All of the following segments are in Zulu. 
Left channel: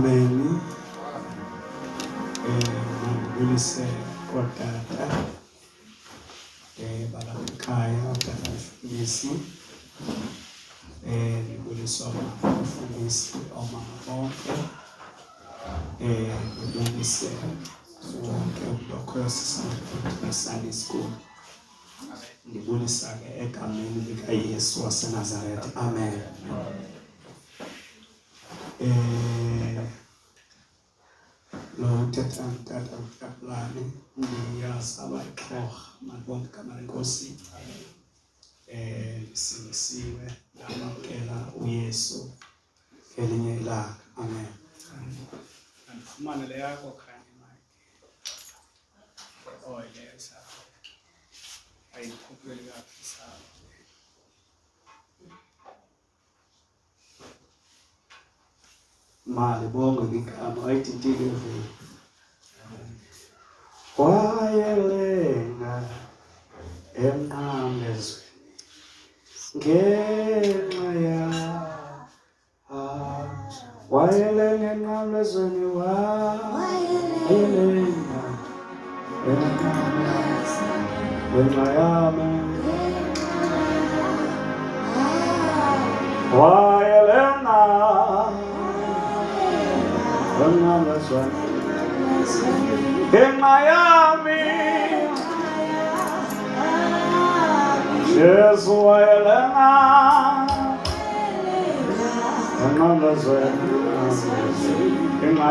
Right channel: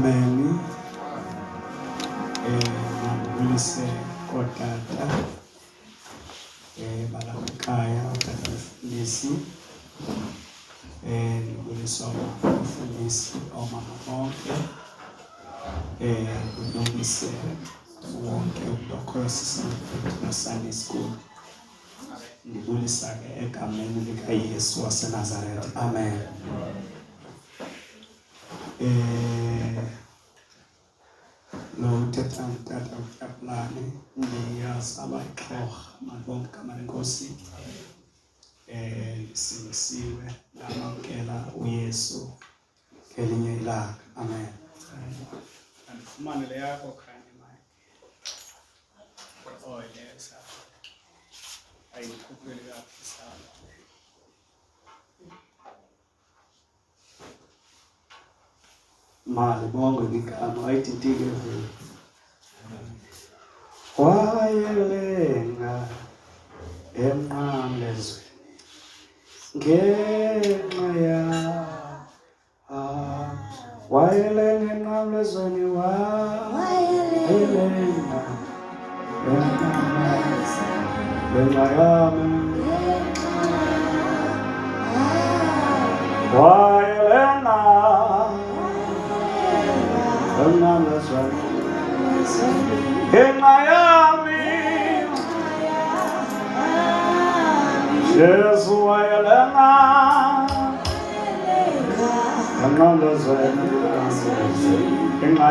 Amen. Ngibulise kodata balakhaya abafundisi ngibulisa abafundisi omama bonke ngibulise wonke lokho sisafunda Sunday school. Ngibulisa ke egameni likaYesu waseNazaretha. Amen. Lo uthetha umtata Tyaplani ndiyasaba ixhorha mabonke igama lenkosi. Singisiwe ngamamkela uYesu ngelinye ilanga. Amen. Andifumane le yakho khanye mike. Oh yes. Ayikhupheli kahle sala. Mali bonke igama ayithintike vele. Wayelenga emnqamlezweni ngenxa ya wayelenga emnqamlezweni wayelenga ngenxa yami wayelenga ngenxa yami Jesu wayelenga ngenxa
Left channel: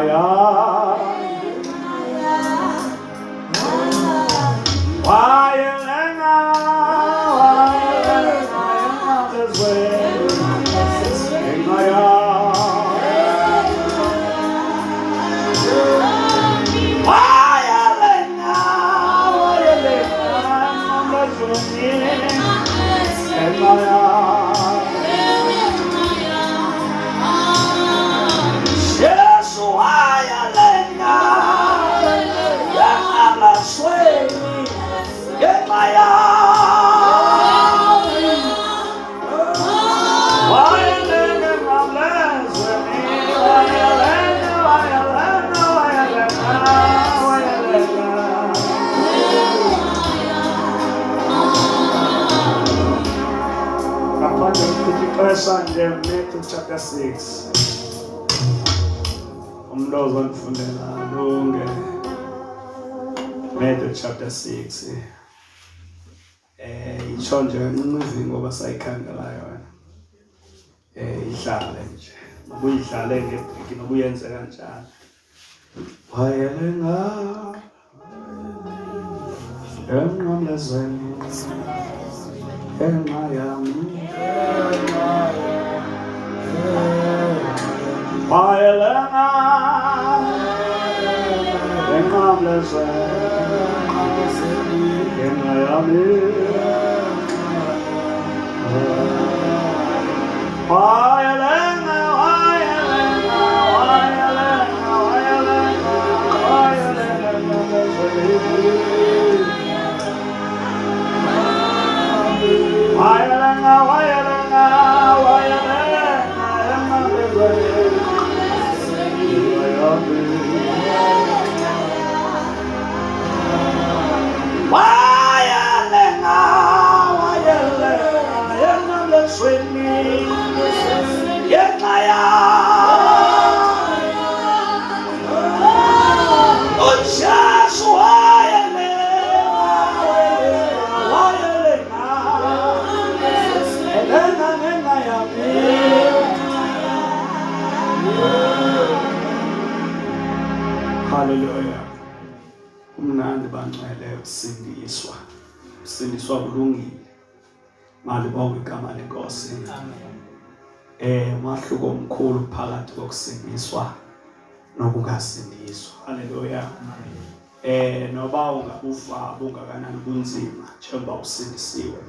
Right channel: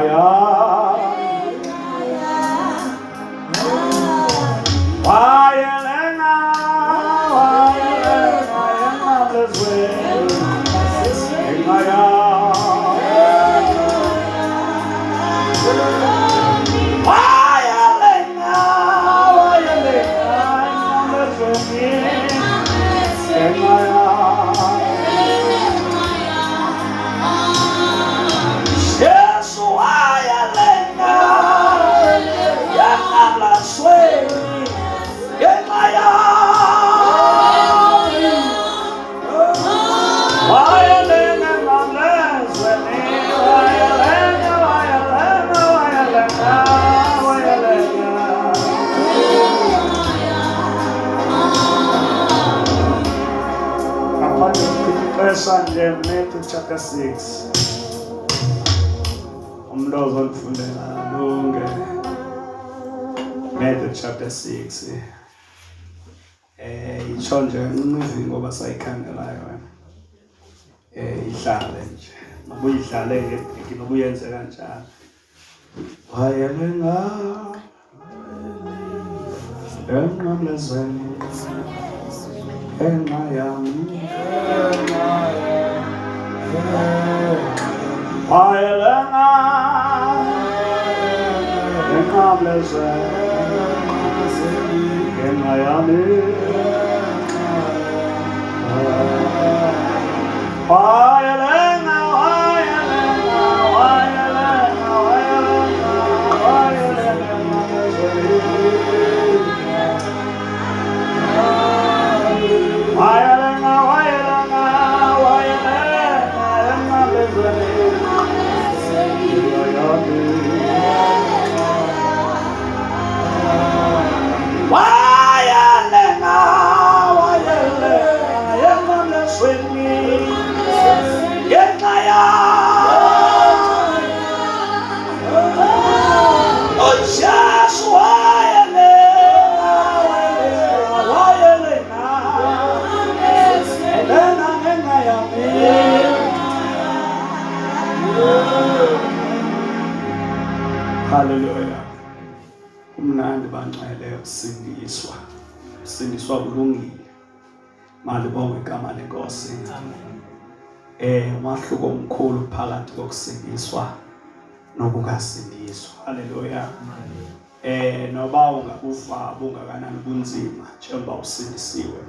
yami wayelenga ngenxa yami Sunday, Matthew chapter 6. Umlozo ngifundela lonke. Matthew chapter 6. Itsho nje unuvi ngoba sayikhangelayo wena. Ihlale nje. Makuyidlale ngebheki nokuyenze kanjalo. Wayelenga emnqamlezweni ngenxa yami wayelenga emnqamlezweni ngenxa yami Hallelujah. Umnandi bangcwele ukusindiswa. Ukusindiswa kulungile. Mali bonke igama lenkosi. Amen. Umahluko omkhulu phakathi kokusindiswa nokungasindiswa. Hallelujah. Noba ungabuva bungakanani bunzima njengoba usindisiwe.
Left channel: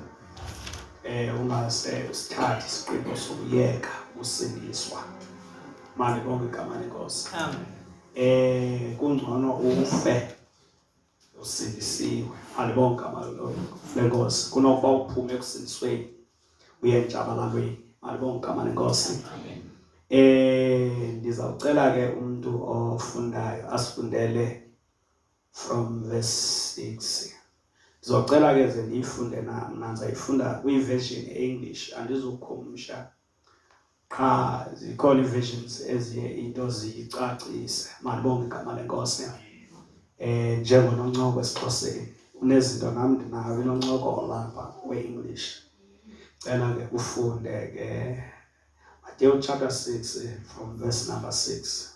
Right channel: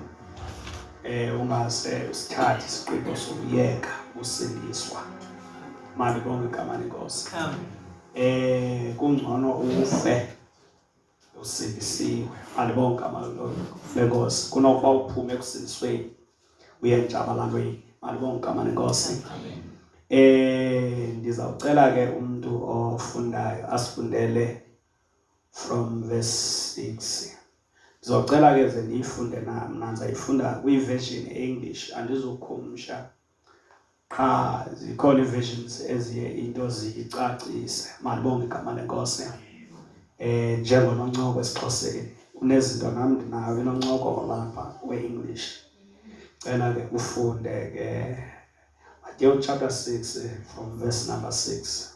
Ungase usithathe isiqibo sokuyeka ukusindiswa. Mali bonke igama lenkosi. Amen. Kungcono ufe usindisiwe. Alibonke amalolo lenkosi kunokuba uphume ekusindisweni uye entshabalalweni. Alibonke igama lenkosi. Ndizawucela ke umuntu ofundayo asifundele from verse 6. Ndizocela ke ze ndiyifunde mna ndizayifunda kwi-version English andizukhumsha. Qha zikhona ii-versions eziye into ziyicacise. Malibonge igama lenkosi. Njengononcoko esiXhoseni unezinto nam ndinayo inoncoko lapha we-English. Cela ke ufunde ke Matthew chapter 6 from verse number 6.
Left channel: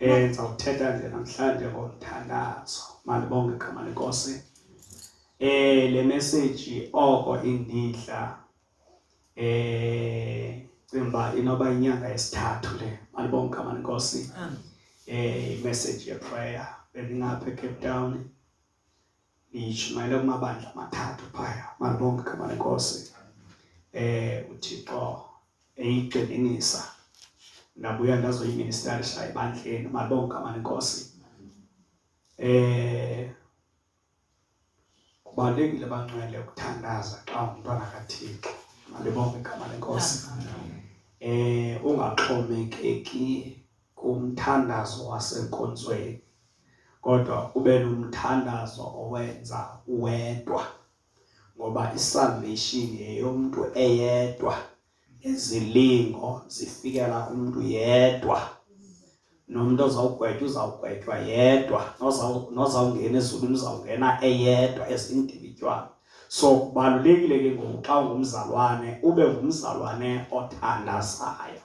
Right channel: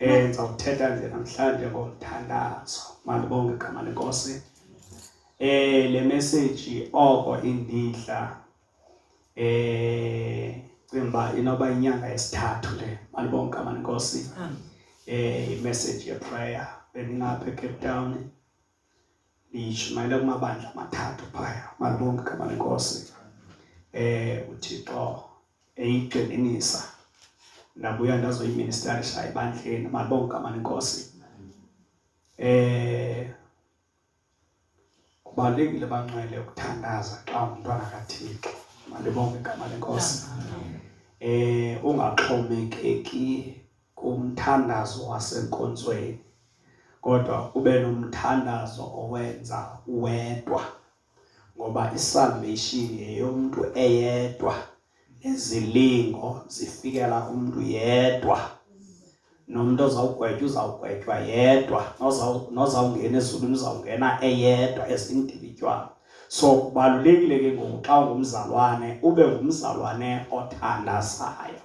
Ndizawuthetha nje namhlanje ngomthandazo. Malibonge igama lenkosi. Le message oko indidla cimba inoba inyanga yesithathu le. Malibonge igama lenkosi. Message ye prayer bendingapha eCape Town. Ndishumayele kumabandla amathathu phaya. Malibonge igama lenkosi. uThixo eyigxininisa ndabuya ndazoyiministerisha ebandleni. Malibonge igama lenkosi. Kubalulekile bangcwele ukuthandaza xa umntwana kaThixo. Malibonge igama lenkosi. Ungaxhomekeki kumthandazo wasenkonzweni, kodwa ube nomthandazo owenza wedwa, ngoba isalvation yeyomntu eyedwa, izilingo zifikela umuntu yedwa. Nomuntu uzawugwetywa yedwa, nozawungena ezulwini uzawungena eyedwa ezindividual. So kubalulekile ke ngoku xa ungumzalwane ube ngumzalwane othandazayo.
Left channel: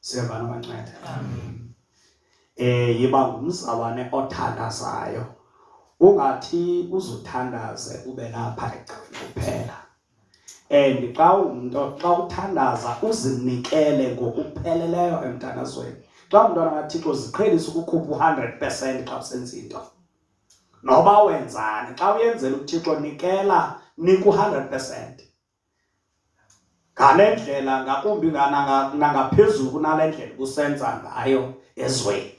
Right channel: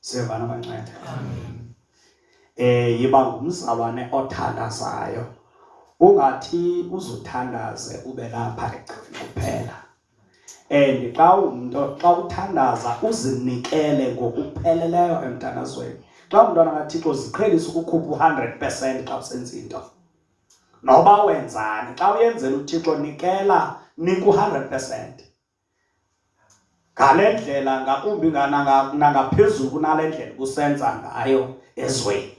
Siyavana bancede. Yiba ngumzalwane othandazayo. Ungathi uzuthandaze ube lapha egcini kuphela. Xa uthandaza uzinikele ngokupheleleyo emthandazweni. Xa umntwana kaThixo ziqhelisa ukukhupha 100% xa usenza into. Noba wenzani, xa uyenzela uThixo nikela nika 100%. Ngale ndlela ngakumbi nangaphezulu kunale ndlela kusenza ngayo ezweni.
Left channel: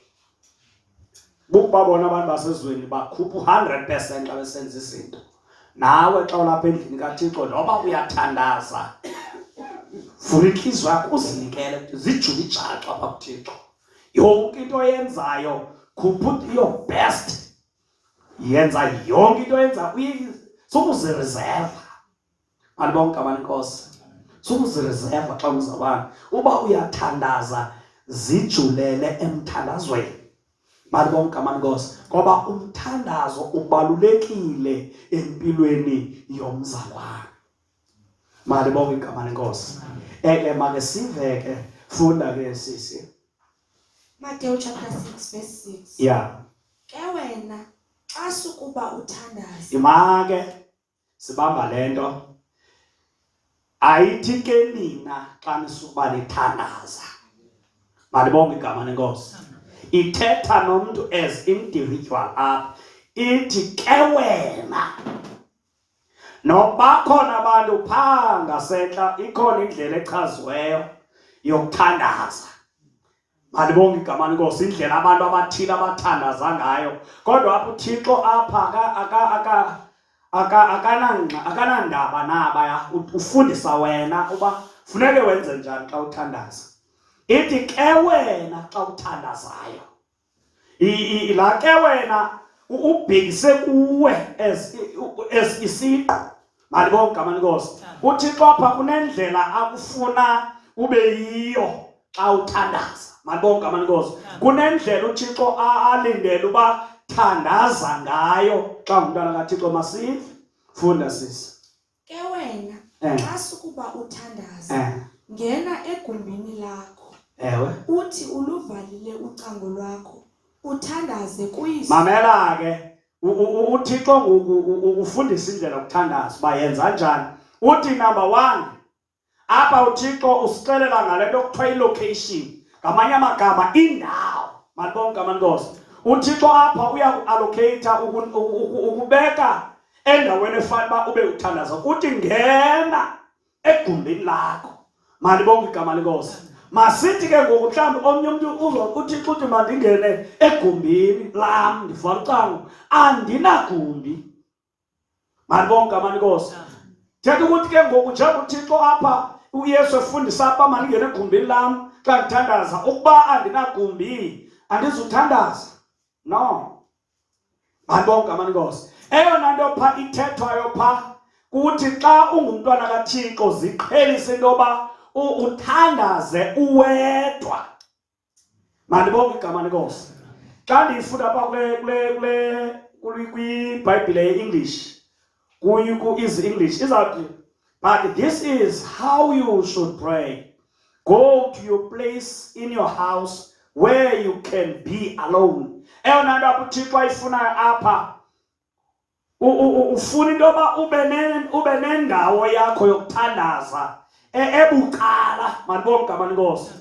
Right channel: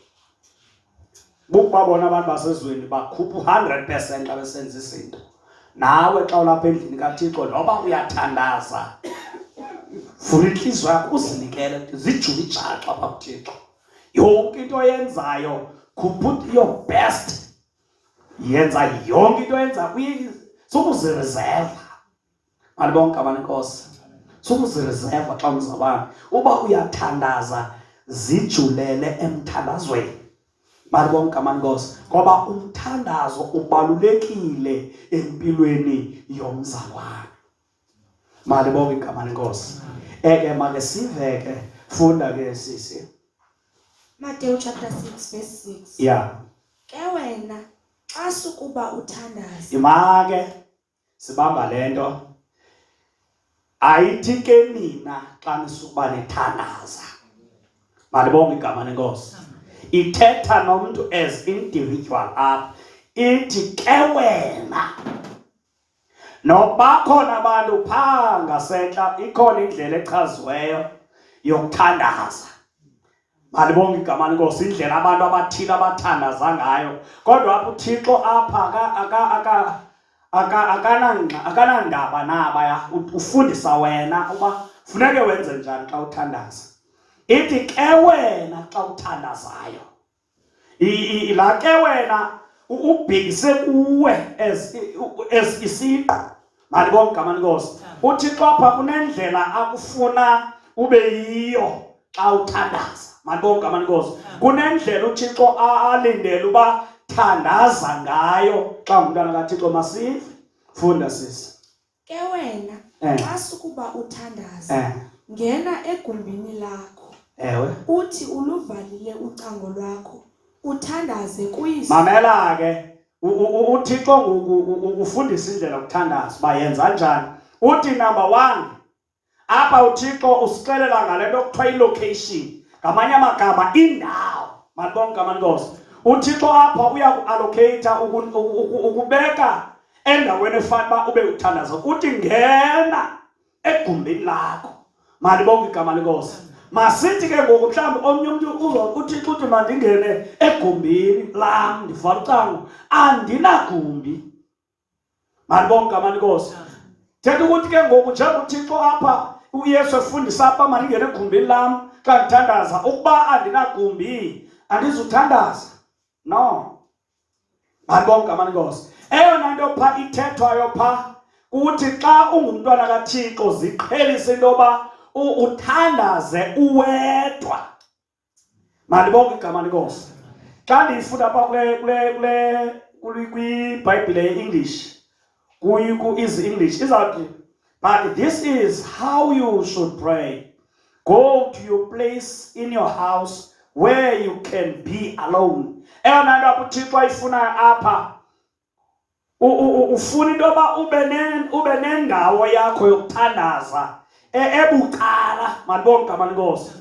Bukubabona abantu basezweni bakhupha 100% xa besenza izinto. Nawe xa ulapha endlini kaThixo noba uyathandaza, vula inhliziyo yakho uzinikele, zijule ijaxa apha kuThixo. Yonke into oyenzayo khupha your best. Yenza yonke into oyenza sukuzireserva. Malibonge igama lenkosi. Sukuzireserva xa umzalwane. Uba uyathandaza zijulele emthandazweni. Malibonge igama lenkosi. Ngoba umthandazo ubalulekile empilweni yomzalwane. Malibonge igama lenkosi. Make sive ke funda ke sisi. Matthew chapter 6 verse 6. Yeah. Ke wena xa sukuba uthandaza. Imake sibamba lento. Ayithi ke nina xa nisukuba nithandaza. Malibonge igama lenkosi. Ithetha nomuntu as individual apha. Ithi ke wena. Noba khona abantu phaa ngasentla ikhona indlela echaziweyo yokuthandaza. Malibonge igama lenkosi, indlela abantu abathile abathandaza ngayo. Kodwa apha uThixo apha akanandaba nabaya. Ufundisa wena uba funeke wenze njani xa uthandaza. Ithi ke wena xa uthandazayo. La ke wena ubhekise kuwe as isiqu. Malibonge igama lenkosi. uThixo apha kunendlela akufuna ube yiyo xa uthandaza. Malibonge igama lenkosi. Kunendlela uThixo alindele uba thandaza ngayo xa umntwana kaThixo. Masive funda sisi. Ke wena xa sukuba uthandaza ngena egumbini lakho. Ewe. Uthi uluvalile ucango lwakho uthandaze kuyise. Mamela ke uThixo ukufundisa indlela yokuthandaza bayenza njani. Uthi number 1 apha uThixo usixelela ngale nto kuthiwa ilocation, ngamanye amagama indawo. Malibonge igama lenkosi. uThixo apha uyakuallocate ukubeka endaweni efanele ube uthandaza. Uthi ngena egumbini lakho. Malibonge igama lenkosi. Masithi ke ngoku mhlawumbi omnye umuntu uThixo uthi mandingene egumbini lam ndivala ucango, andinagumbi. Malibonge igama lenkosi. Thetha ukuthi ke ngoku njengoba uThixo apha uYesu efundisa apha maningene egumbini lam xa ndithandaza, ukuba andinagumbi andizuthandaza. No. Bandibonke amanikosi. Eyona nto pha ithethwayo pha ukuthi xa ungumntwana kaThixo ziqhelise into yoba uthandaze uwedwa. Mandibonke igama lenkosi. Xa ndiyifunda apha kwiBhayibhile ye-English, ku-Easy English, izawuthi, but this is how you should pray. Go to your place in your house where you can be alone. Eyona nto apha uThixo ayifunayo apha, ufuna into yoba ube nendawo yakho yokuthandaza ebucala. Mandibonke igama lenkosi.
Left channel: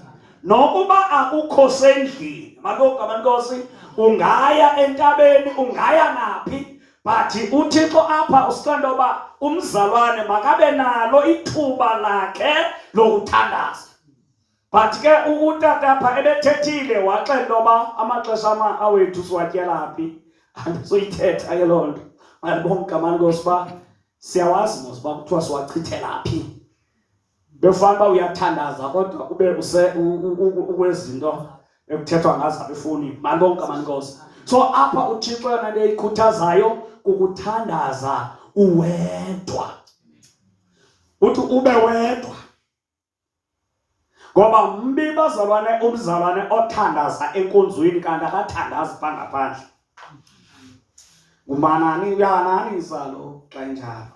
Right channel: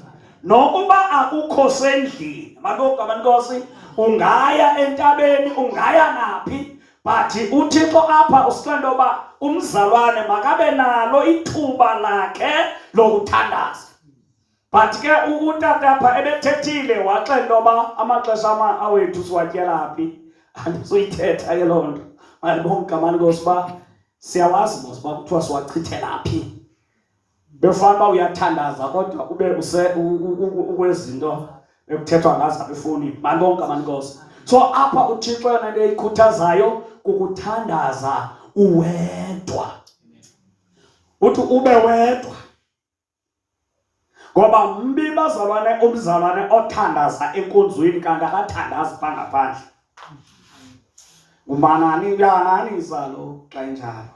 Nokuba akukho sendlini, mandibonke igama lenkosi, ungaya entabeni, ungaya naphi, but uThixo apha usixelela into yoba umzalwane makabe nalo ithuba lakhe lokuthandaza. But ke utata apha ebethethile waxela into yoba amaxesha awethu siwatyela phi. Andizuyithetha ke loo nto. Mandibonke igama lenkosi uba siyawazi mos uba kuthiwa siwachithela phi. Befana uba uyathandaza kodwa ube ukwezinto ekuthethwa ngazo apha efowunini. Mandibonke igama lenkosi. So apha uThixo yona into eyikhuthazayo kukuthandaza uwedwa. Uthi ube wedwa. Ngoba mbi umzalwane othandaza enkonzweni kanti akathandazi pha ngaphandle. Umanani uyananisa lo xa enjalo.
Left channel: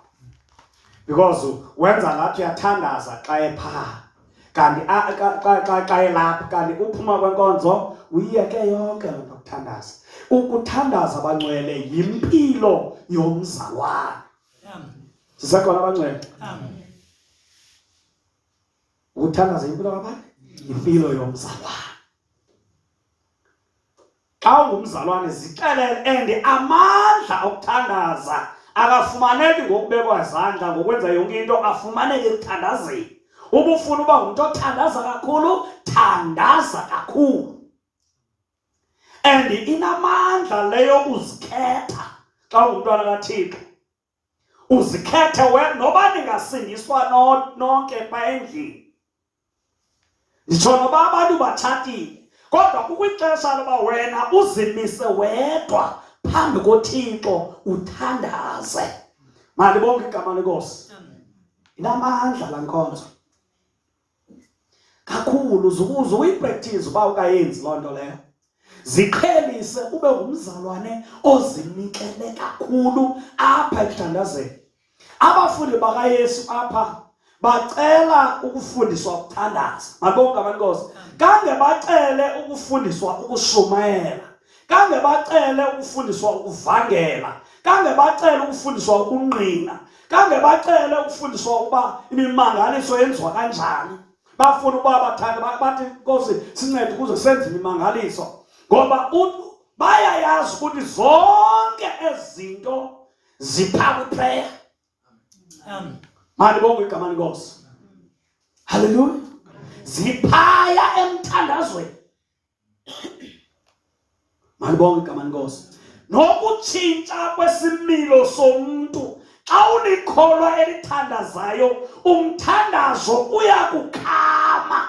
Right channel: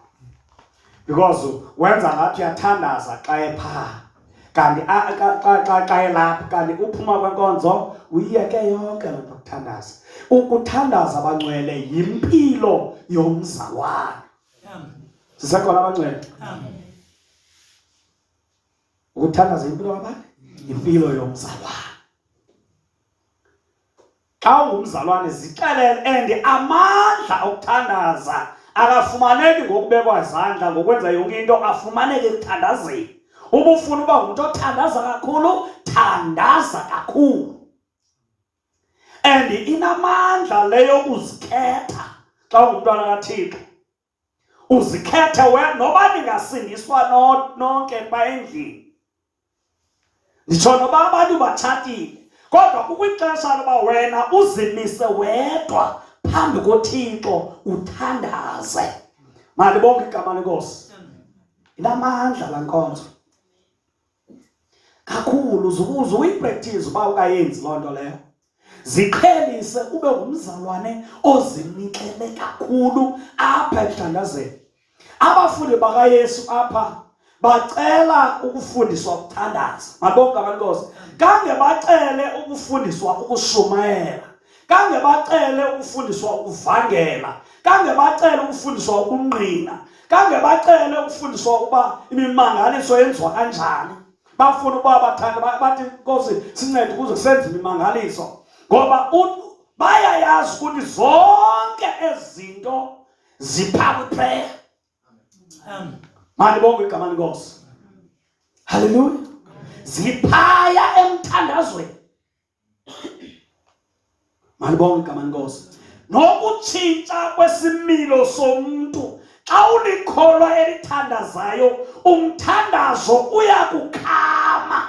Because wenza ngathi uyathandaza xa epha. Kanti xa elapha kanti uphuma kwenkonzo uyiyeke yonke loo nto ukuthandaza. Ukuthandaza abangcwele yimpilo yomzalwane. Sisekhona abangcwele? Amen. Ukuthandaza impilo kabani? Impilo yomzalwane. Xa ungumzalwane zixelele and amandla okuthandaza akafumaneki ngokubekwa izandla ngokwenza yonke into, afumaneke ekuthandazeni. Uba ufuna uba ngumntu othandaza kakhulu, thandaza kakhulu. And inamandla leyo uzikhetha xa ungumntwana kaThixo. Uzikhethe noba ningasindiswa nonke pha endlini. Nditsho noba abantu batshatile, kodwa kukwixesha loba wena uzimise wedwa phambi koThixo uthandaze. Mandibonke igama lenkosi. Inamandla laa nkonzo kakhulu. Uze uyipractice uba ukayenzi loo nto leyo. Ziqhelise ube ngumzalwane ozinikele kakhulu apha ekuthandazeni. Abafundi bakaYesu apha bacela ukufundiswa ukuthandaza. Mandibonke igama lenkosi. Kange bacele ukufundiswa ukushumayela. Kange bacele ukufundiswa ukuvangela. Kange bacele ukufundiswa ukungqina. Kange bacele ukufundiswa ukuba imimangaliso yenziwa kanjani. Bafuna ukuba bathande bathi Nkosi sincede ukuze senze imimangaliso. Ngoba bayayazi ukuthi zonke ezinto zipha kwiprayer. Amen. Mandibonke igama lenkosi. Hallelujah. Ziphaya emthandazweni. Mandibonke igama lenkosi. Nokutshintsha kwesimilo somuntu. Xa ulikholwa elithandazayo, umthandazo uyakukhama.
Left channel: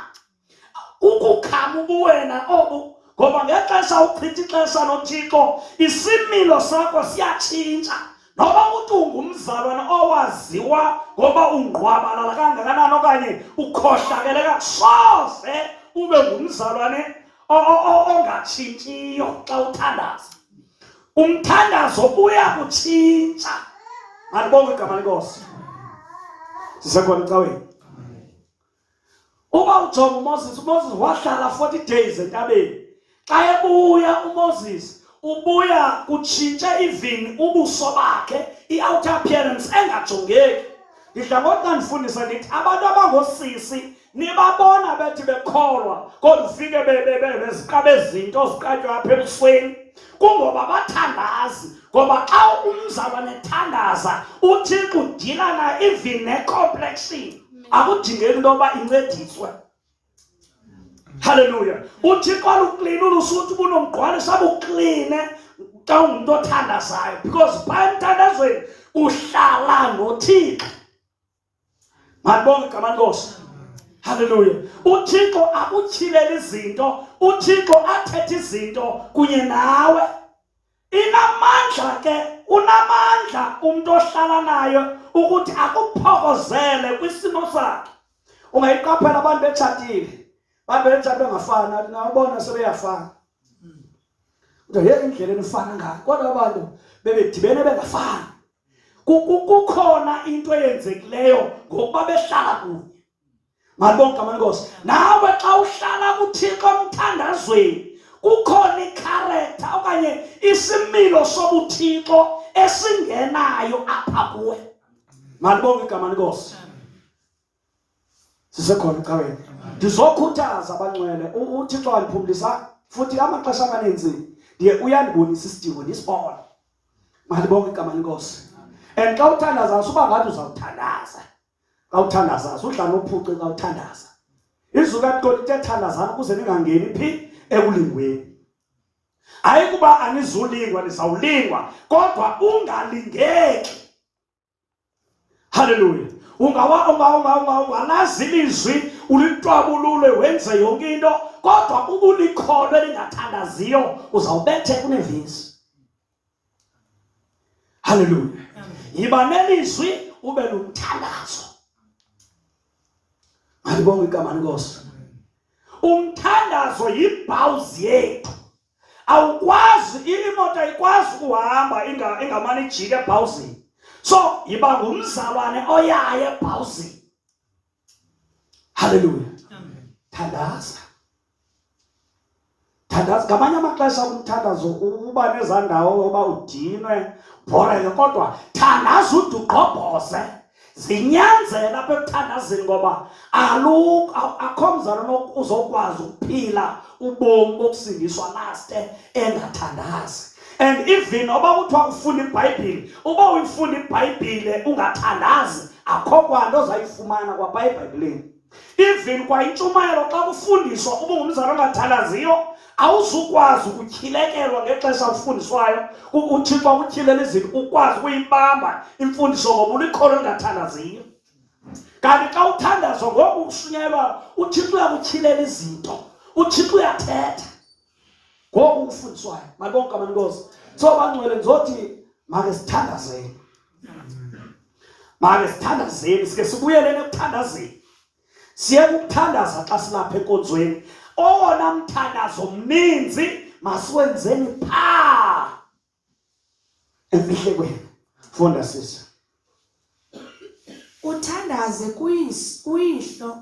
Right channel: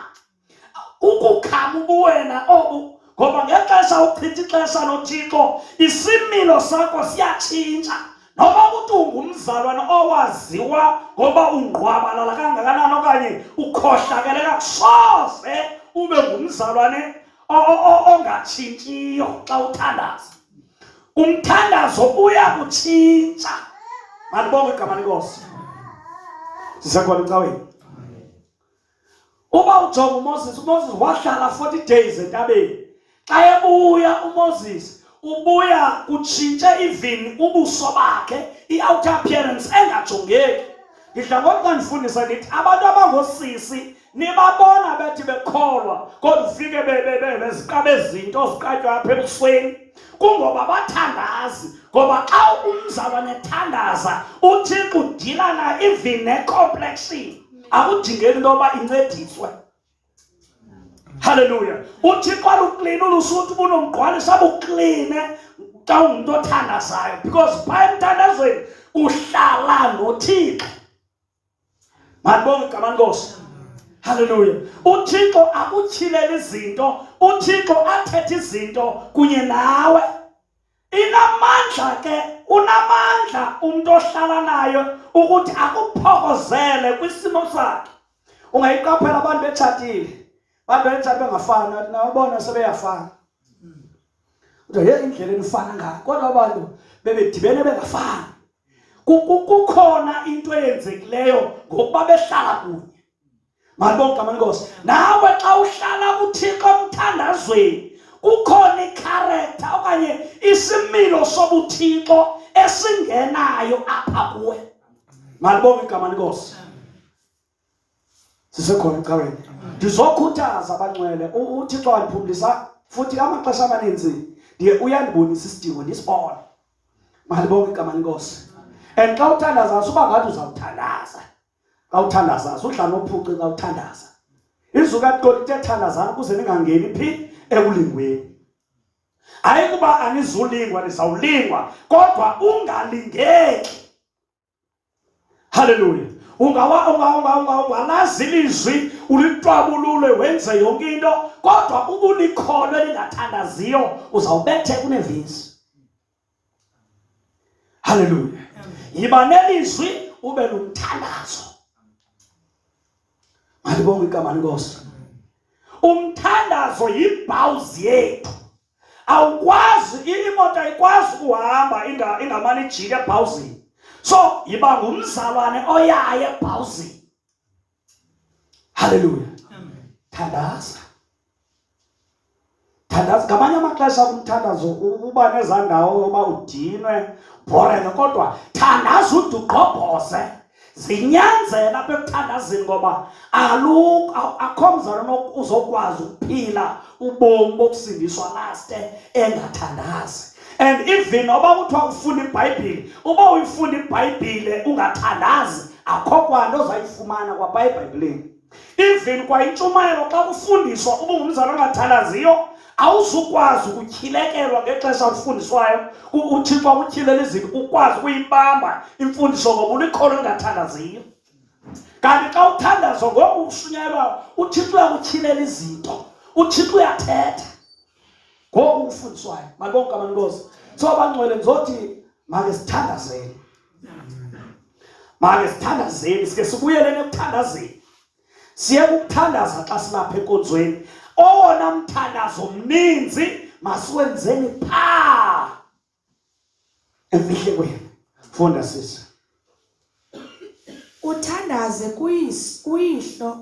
Ukukhama ubuwena obu. Ngoba ngexesha uchitha ixesha noThixo, isimilo sakho siyatshintsha. Noba uthi ungumzalwane owaziwa ngoba ungqwabalala kangakanani okanye ukhohlakele kakusoze ube ngumzalwane ongatshintshiyo xa uthandaza. Umthandazo uyakutshintsha. Mandibonke igama lenkosi. Sisekhona ecaweni. Uba ujonga uMoses wahlala 40 days entabeni. Xa ebuya uMoses ubuya kutshintshe even ubuso bakhe, i-outer appearance engajongeki. Ngidla ngokuthi ndifundisa ndithi abantu abangosisi nibabona bethi bekholwa kodwa ufike beziqabe izinto ziqatywa apha ebusweni. Kungoba bathandazi. Ngoba xa umzalwane ethandaza uThixo udila na even ne-complexion. Akudingeki into yoba incediswe. Hallelujah. Uthixo aluklini ulusuthi bunomgqwalisa bukline xa ungumntu othandazayo. Because phaa emthandazweni uhlala noThixo. Malibonge igama lenkosi. Hallelujah. uThixo akutyhilele izinto, uThixo athethe izinto kunye nawe. Inamandla ke, unamandla umuntu ohlala nayo ukuthi akuphokozele kwisimo sakhe. Ungayiqaphela abantu betshatile, abantu betshate bengafani, nathi nabona sebeyafana. Kodwa ye indlela enifana ngayo, kodwa abantu bebedibene bengafani. Kukhona into eyenzekileyo ngokuba behlala kunye. Malibonke igama lenkosi. Nawe xa uhlala kuThixo emthandazweni, kukhona ikharektha okanye isimilo sobuthixo esingenayo apha kuwe. Malibonke igama lenkosi. Sisekhona ecaweni. Ndizokhuthaza abangcwele, uThixo wandiphumlisa futhi amaxesha amaninzi ndiye uyandibonisa isidingo ndisibone. Malibonke igama lenkosi. And xa uthandaza usuba ngathi uzawuthandaza. Xa uthandaza udla nophuce xa uthandaza. Izwi kaThixo lithi thandazani ukuze ningangeni phi ekulingweni. Hayi kuba anizulingwa nizawulingwa, kodwa ungalingeki. Hallelujah. Ungalazi ilizwi ulitwabulule wenze yonke into, kodwa ubulikholwe lingathandaziyo uzawubethe kunevisi. Hallelujah. Yiba nelizwi ube nomthandazo. Malibonge igama lenkosi. Umthandazo yibhawuzi yethu. Awukwazi, imoto ayikwazi ukuhamba ingamane ijike ebhawuzini. So yiba ngumzalwane oyaye ebhawuzini. Hallelujah. Thandaza. Thandaza. Ngamanye amaxesha umthandazo uba nezandawo yoba udinwe borene, kodwa thandaza ude ugqobhoze. Zinyanzela apha ekuthandazeni ngoba akho mzalwane uzokwazi ukuphila ubomi bokusindiswa laste engathandazi. And even noba kuthiwa ufunda iBhayibhile, uba uyifunda iBhayibhile ungathandazi, akho kwanto ozayifumana kwapha eBhayibhileni. Even kwa intshumayelo xa kufundiswa uba ungumzalwane ongathandaziyo, awuzukwazi ukutyilekelwa ngexesha ufundiswayo. uThixo akutyhilele izinto ukwazi ukuyibamba imfundiso ngoba ulikholwe elingathandaziyo. Kanti xa uthandazwa ngoku ushunyelwa, uThixo uyakutyhilela izinto, uThixo uyathetha ngoku ufundiswayo. Malibonke igama lenkosi. So bangcwele ndizothi make sithandazeni. Make sithandazeni, sike sibuyeleni ekuthandazeni. Siye ukuthandaza xa silapha enkonzweni. Owona mthandazo mninzi masiwenzeni phaa emfihlekweni. Funda sisi. Uthandaze kuyihlo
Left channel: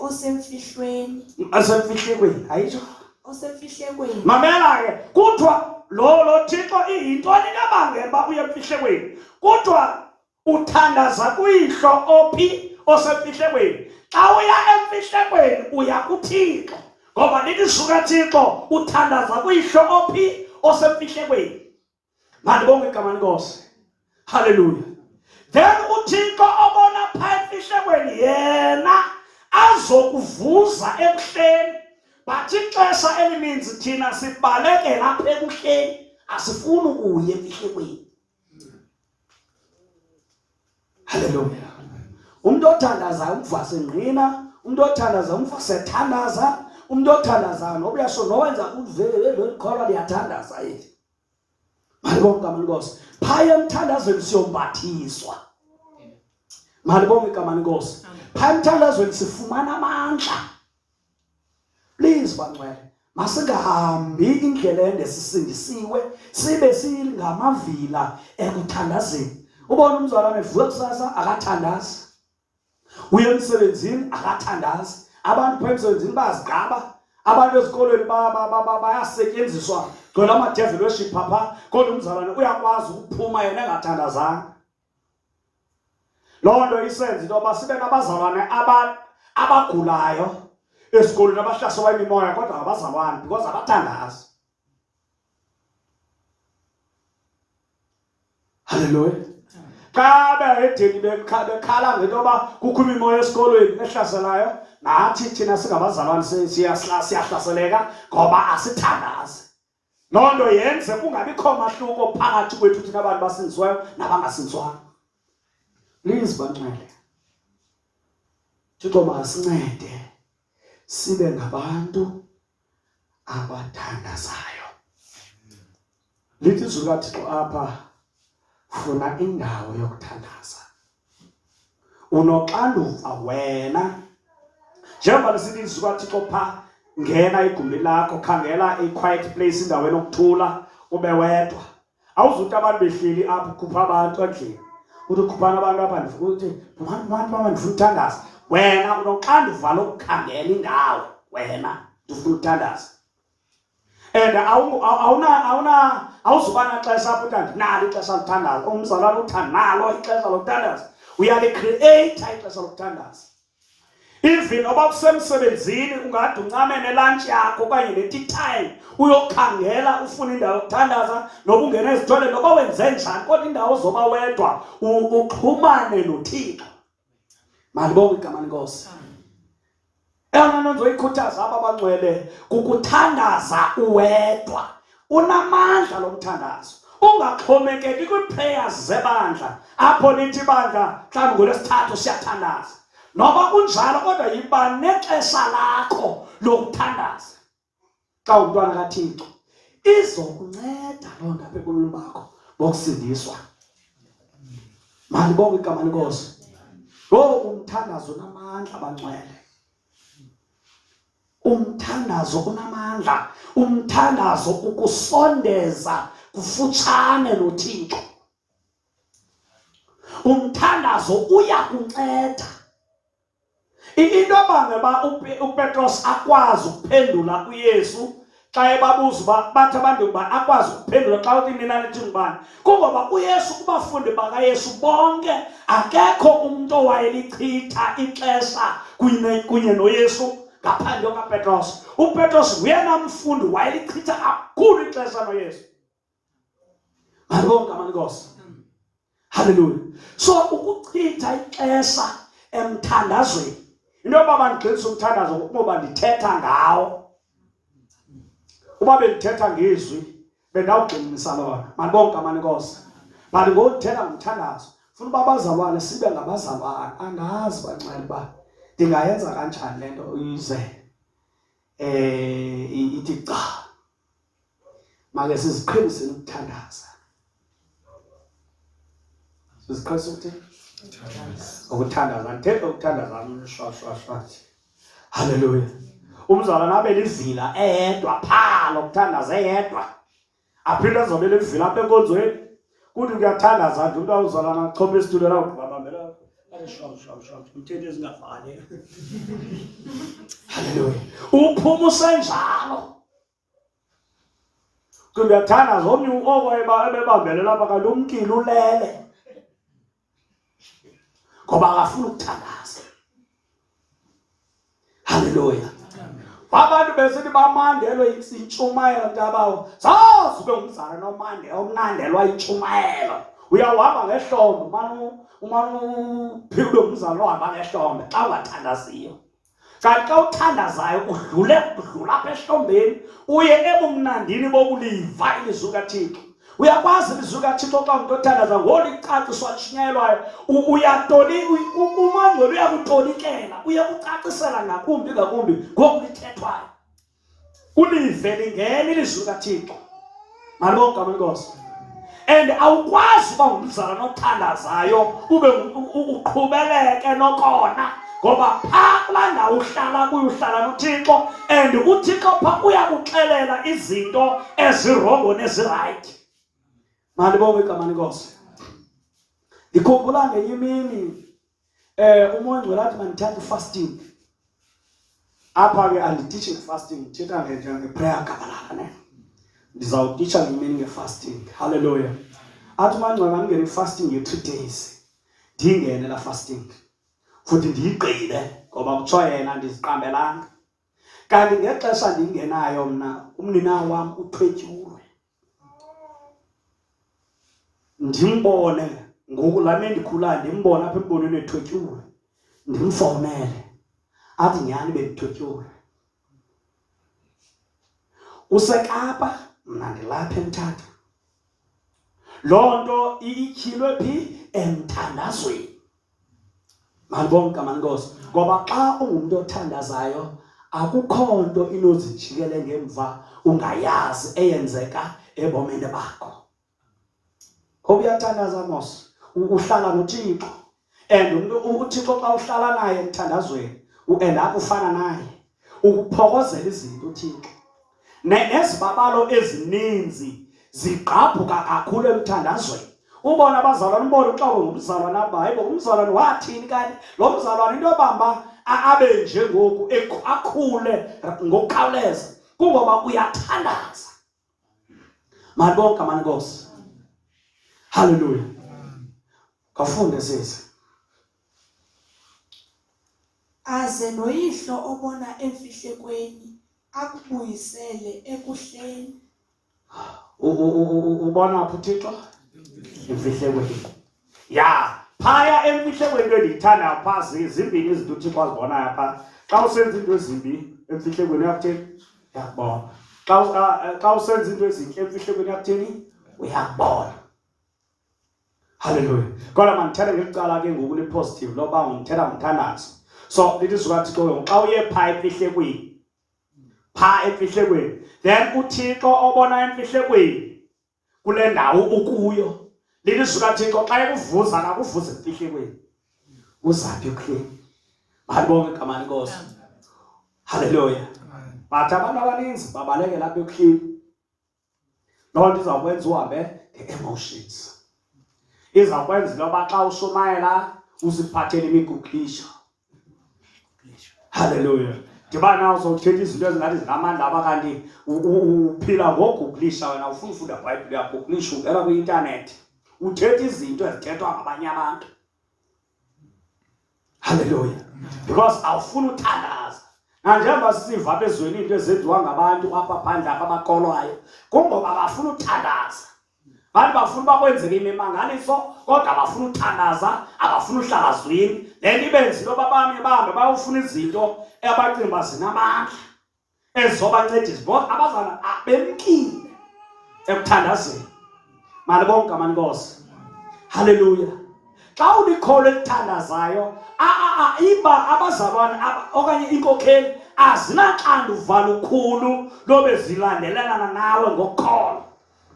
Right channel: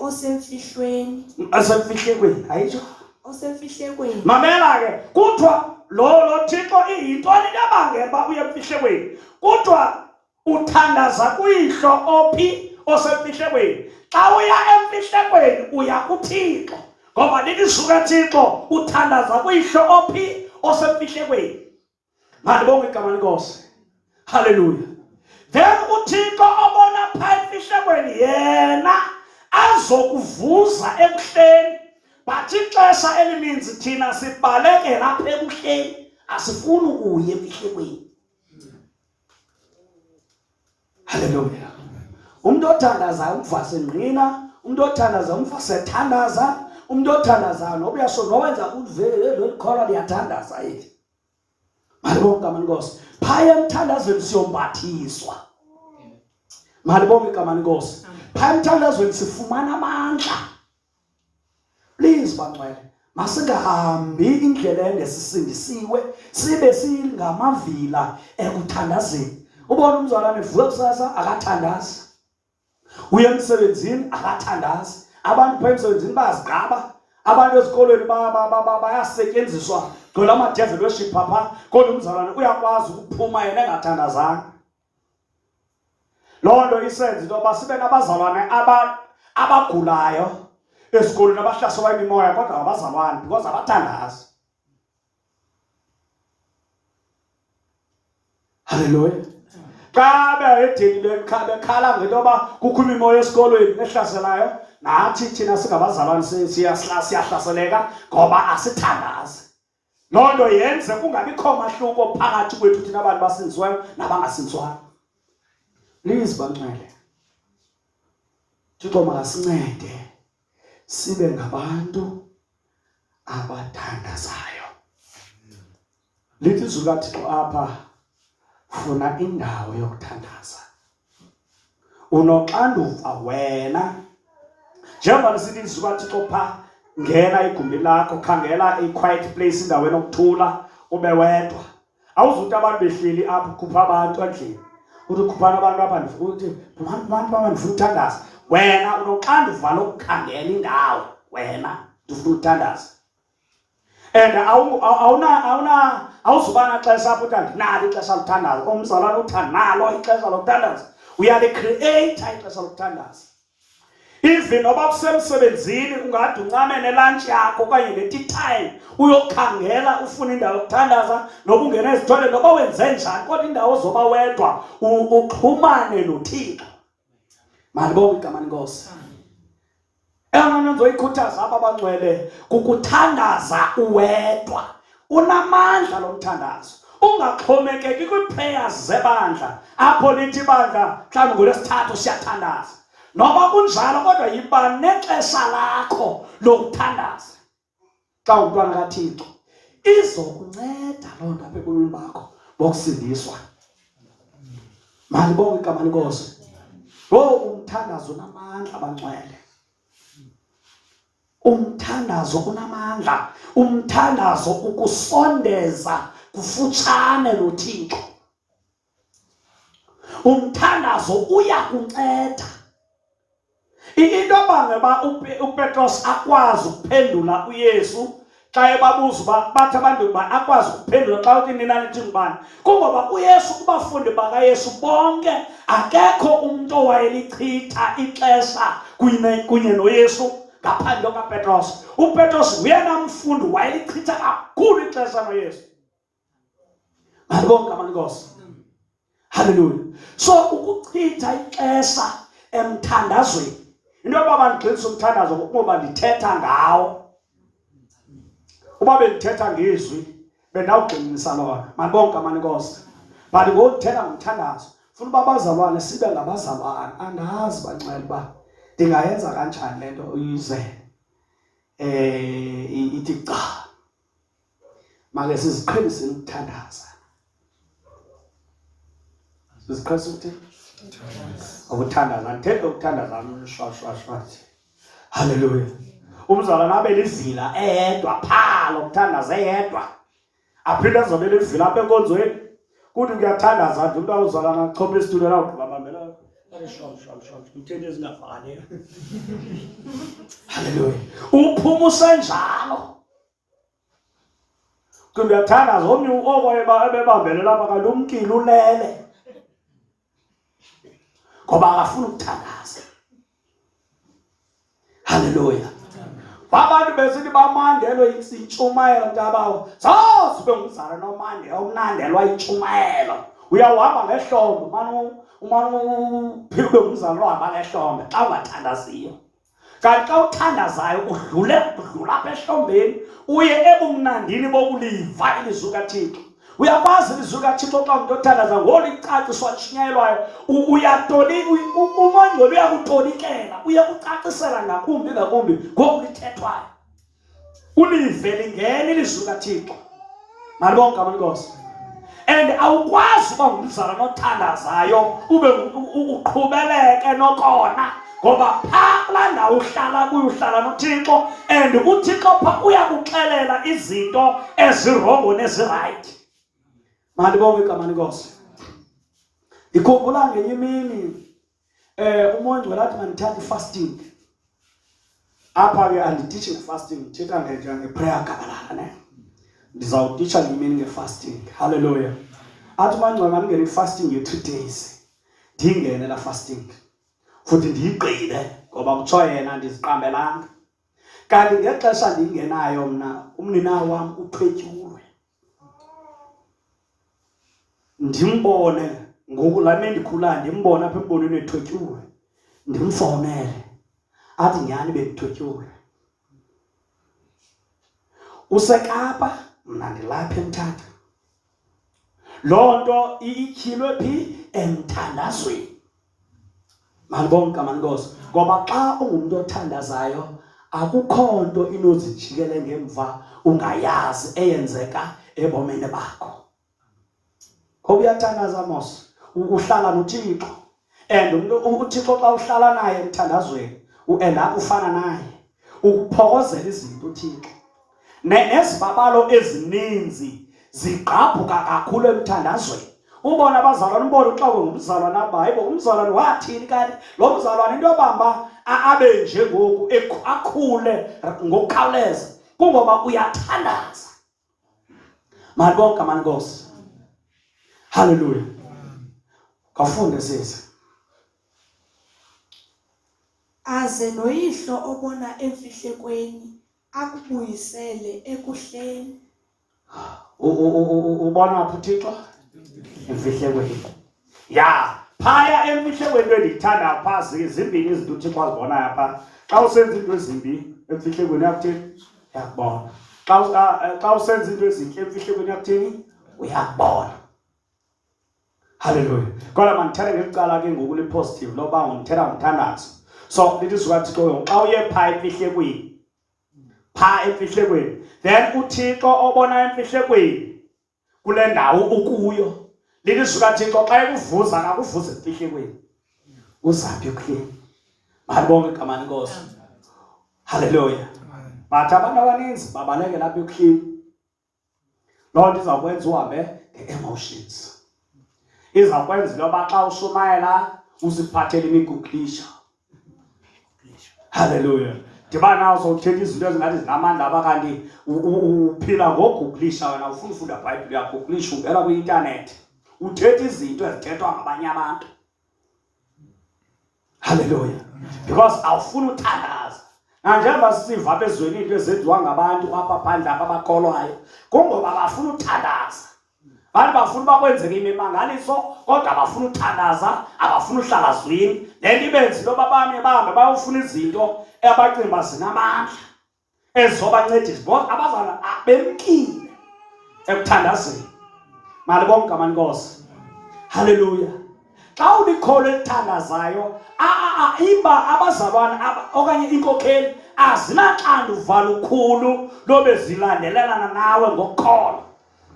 osemfihlweni. Asemfihlekweni, ayitsho? Osemfihlekweni. Mamela ke, kuthiwa lo Thixo iyintoni ebangela uba uye emfihlekweni? Kuthiwa uthandaza kuyihlo ophi osemfihlekweni. Xa uya emfihlekweni uya kuThixo, ngoba lilizwi kaThixo uthandaza kuyihlo ophi osemfihlekweni. Malibonke igama lenkosi. Hallelujah. Then uThixo obona phaa emfihlekweni yena azokuvuza ebuhleni. But ixesha elininzi thina sibaleke lapha ebuhleni, asifuni ukuya emfihlekweni. Hallelujah. Umuntu othandazayo umva sengqina, umuntu othandazayo umva sethandaza, umuntu othandazayo noba uyasho nowenza uvele lolikholwa liyathandaza yethu. Malibonke igama lenkosi. Phaya emthandazweni siyombathiswa. Malibonke igama lenkosi. Phaya emthandazweni sifumana amandla. Please bangcwele, masingahambi indlela ende sisindisiwe sibe singamavila ekuthandazeni. Ubona umzalwane evuka kusasa akathandazi. Uye emsebenzini akathandazi. Abantu phaa emsebenzini bayazigqaba. Abantu ezikolweni bayasetyenziswa gcwele ama-devil worship phaa, kodwa umzalwane uyakwazi ukuphuma yena engathandazanga. Loo nto isenza into yoba sibe nabazalwane abagulayo esikolweni abahlaselwa yimimoya, kodwa ngabazalwane because abathandazi. Hallelujah. Xa behedeni bekhala ngento yoba kukho imimoya esikolweni ehlaselayo, nathi thina singabazalwane siyahlaseleka ngoba asithandazi. Loo nto yenze kungabikho mahluko phakathi kwethu thina abantu basindisiweyo nabangasindiswayo. Please bangcwele, Thixo masincede sibe ngabantu abathandazayo. Lithi izwi likaThixo apha, funa indawo yokuthandaza. Unoxanduva wena njengoba sithi izwi likaThixo pha, ngena igumbi lakho, khangela a-quiet place, indawo enokuthula, ube wedwa. Awuzuthi abantu behleli apho ukhupha abantu endlini, uthi ukhuphana abantu apha uthi abantu abandifuna ukuthandaza. Wena unoxanduva lokukhangela indawo, wena ndifuna ukuthandaza. And awuzuba naxesha apho uthi andinalo ixesha lokuthandaza, umzalwane uthi andinalo ixesha lokuthandaza. Uyalikrieitha ixesha lokuthandaza. Even noba kusemsebenzini ungade uncamene lunch yakho okanye ne-tea time uyokhangela ufuna indawo yokuthandaza, noba ungena ezithoileni, noba wenze njani, kodwa indawo zoba wedwa uxhumane noThixo. Malibonke igama lenkosi. Eyona nto ndizoyikhuthaza aba abangcwele kukuthandaza uwedwa. Unamandla lo mthandazo. Ungaxhomekeki kwi-prayers zebandla apho lithi ibandla mhlawumbi ngolwesithathu siyathandaza. Noba kunjalo kodwa yiba nexesha lakho lokuthandaza. Xa umntwana kaThixo izokunceda loo nto apha ebomini bakho bokusindiswa. Malibonke igama lenkosi. Umthandazo unamandla abangcwele. Umthandazo unamandla. Umthandazo ukusondeza kufutshane noThixo. Umthandazo uyakunceda. Into abangeba uPetros akwazi ukuphendula uYesu xa ebabuza uba bathi abantu uba akwazi ukuphendula xa uthi nina nithi ngubani, kungoba uYesu kubafundi bakaYesu bonke akekho umuntu owayelichitha ixesha kunye noYesu ngaphandle kaPetros. uPetros nguyena mfundi wayelichitha kakhulu ixesha noYesu. Malibonke igama lenkosi. Hallelujah. So ukuchitha ixesha emthandazweni, into yoba bandigxilisa umthandazo ngokuba ndithetha ngawo. Uba bendithetha ngezwi bendawugxininisa lona. Malibonke igama lenkosi. But ngokuthetha ngomthandazo funa uba abazalwane sibe ngabazalwane. Andazi bangcwele uba ndingayenza kanjani le nto uyize ithi cha. Make siziqheliseni ukuthandaza. Siziqhelisa ukuthini? Ukuthandaza. Ndithetha ukuthandaza shwa. Hallelujah. Umzalwane abe livila eyedwa phaa lokuthandaza eyedwa. Aphinde azobe livila apha enkonzweni. Kuthi kuyathandaza nje umuntu awuzalana achophe isitulo la ubambela. Shwa. Umthetho ezingafani. Hallelujah. Uphuma usenjalo. Kuthi uyathandaza omnye ebebambele lapha kanti umkile ulele. Ngoba akafuna ukuthandaza. Hallelujah. Abantu besithi bamandelwe intshumayelo mntabawo. Zazi ube ngumzala omnandelwa intshumayelo. Uyawuhamba ngehlombe, umane uphinde umzala ohamba ngehlombe xa ungathandaziyo. Kanti xa uthandazayo udlula apha ehlombeni uye ebumnandini bokuliva ilizwi likaThixo. Uyakwazi ilizwi likaThixo xa umuntu othandaza ngolicaciswa lishunyayelwayo umongcwele uyakutolikela, uyakucacisela ngakumbi ngokulithethwayo. Ulive lingena ilizwi likaThixo. Malibonke igama lenkosi. And awukwazi uba ngumzala nothandazayo ube uqhubeleke nokona, ngoba phaa kulaa ndawo uhlala kuyo uhlala noThixo, and uThixo phaa uyakuxelela izinto ezirongo nezirayithi. Malibonke igama lenkosi. Ndikhumbula ngenye imini umongcwele athi mandithathe fasting. Apha ke anditishi ngefasting, ndithetha ngeprayer gabalala ne. Ndizawutisha ngemini ngefasting. Hallelujah. Athi mangcwele mandingene ifasting ye-3 days. Ndingene la fasting. Futhi ndiyigqile ngoba kuthiwa yena ndiziqambelanga. Kanti ngexesha ndingenayo mna umnina wam uthwetyulwe. Ndimbone ngoku lame ndikhula ndimbona apha embonweni ethwetyulwe. Ndimfowunele. Athi nyhani bendithwetyulwe. Usekapa mna ndilapha eMthatha. Loo nto ityhilwe phi? Emthandazweni. Malibonke amankosi. Ngoba xa ungumuntu othandazayo akukho nto inozijikele ngemva ungayazi eyenzeka ebomini bakho. Uyathandaza mos uhlala noThixo and uThixo xa uhlala naye emthandazweni uenda ufana naye ukuphokozela izinto uThixo nezibabalo ezininzi zigqabhuka kakhulu emthandazweni. Ubona abazalwane ubona uxako ngumzalwane abaye umzalwane wathini kanti lo mzalwane into yobamba abe nje ngoku akhule ngokukhawuleza kungoba uyathandaza. Malibonke amankosi. Hallelujah. Kafunde sisi. Aze noyihlo obona emfihlekweni akubuyisele ekuhleni. Ubona phi uThixo? Emfihlekweni. Ya, phaya emfihlekweni endiyithanda phasi zimbini izinto uThixo azibona apha. Xa usenza into ezimbi emfihlekweni yakuthini? Uyakubona. Xa usenza into ezinhle emfihlekweni yakuthini? Uyakubona. Hallelujah. Kodwa mandithethe ngecala ke ngoku lipositive loba ngithela ngomthandazo. So lithi sukaThixo xa uye phaya emfihlekweni. Pha emfihlekweni. Then uThixo obona emfihlekweni kule ndawo ukuyo. Lithi sukaThixo xa ekuvuza akakuvuze emfihlekweni. Uzaphi ekuhleni? Malibonke igama lenkosi. Hallelujah. Bathi abantu abaninzi babaleke lapha ekuhleni. Loo nto izakwenza uhambe nge-emotions. Izakwenza loba xa ushumayela uziphathele imiguglisha. Hallelujah. Dibana nazo uthetha izinto ezingathi zinamandla abakanti uphila ngoguglisha wena ufuna ufunda iBhayibhile yakho uguglisha ungena kwi-internet uthetha izinto ezithethwa ngabanye abantu. Hallelujah. Because awufuna uthandaza. Njengoba sisiva apha ezweni into ezenziwa ngabantu apha phandle abakholwayo kungoba bafuna uthandaza. Abantu bafuna bakwenzeke imimangaliso kodwa abafuna uthandaza, abafuna uhlala zwini. Lento ibenza into babanye bahambe bayofuna izinto abacinga zinamandla ezizobancedisa bona abazana bemkile ekuthandazeni. Malibonke igama lenkosi. Hallelujah. Xa ulikholo elithandazayo iba abazalwane okanye inkokheli azinaxanduva lukhulu lobe zilandelelana nawe ngokukholo.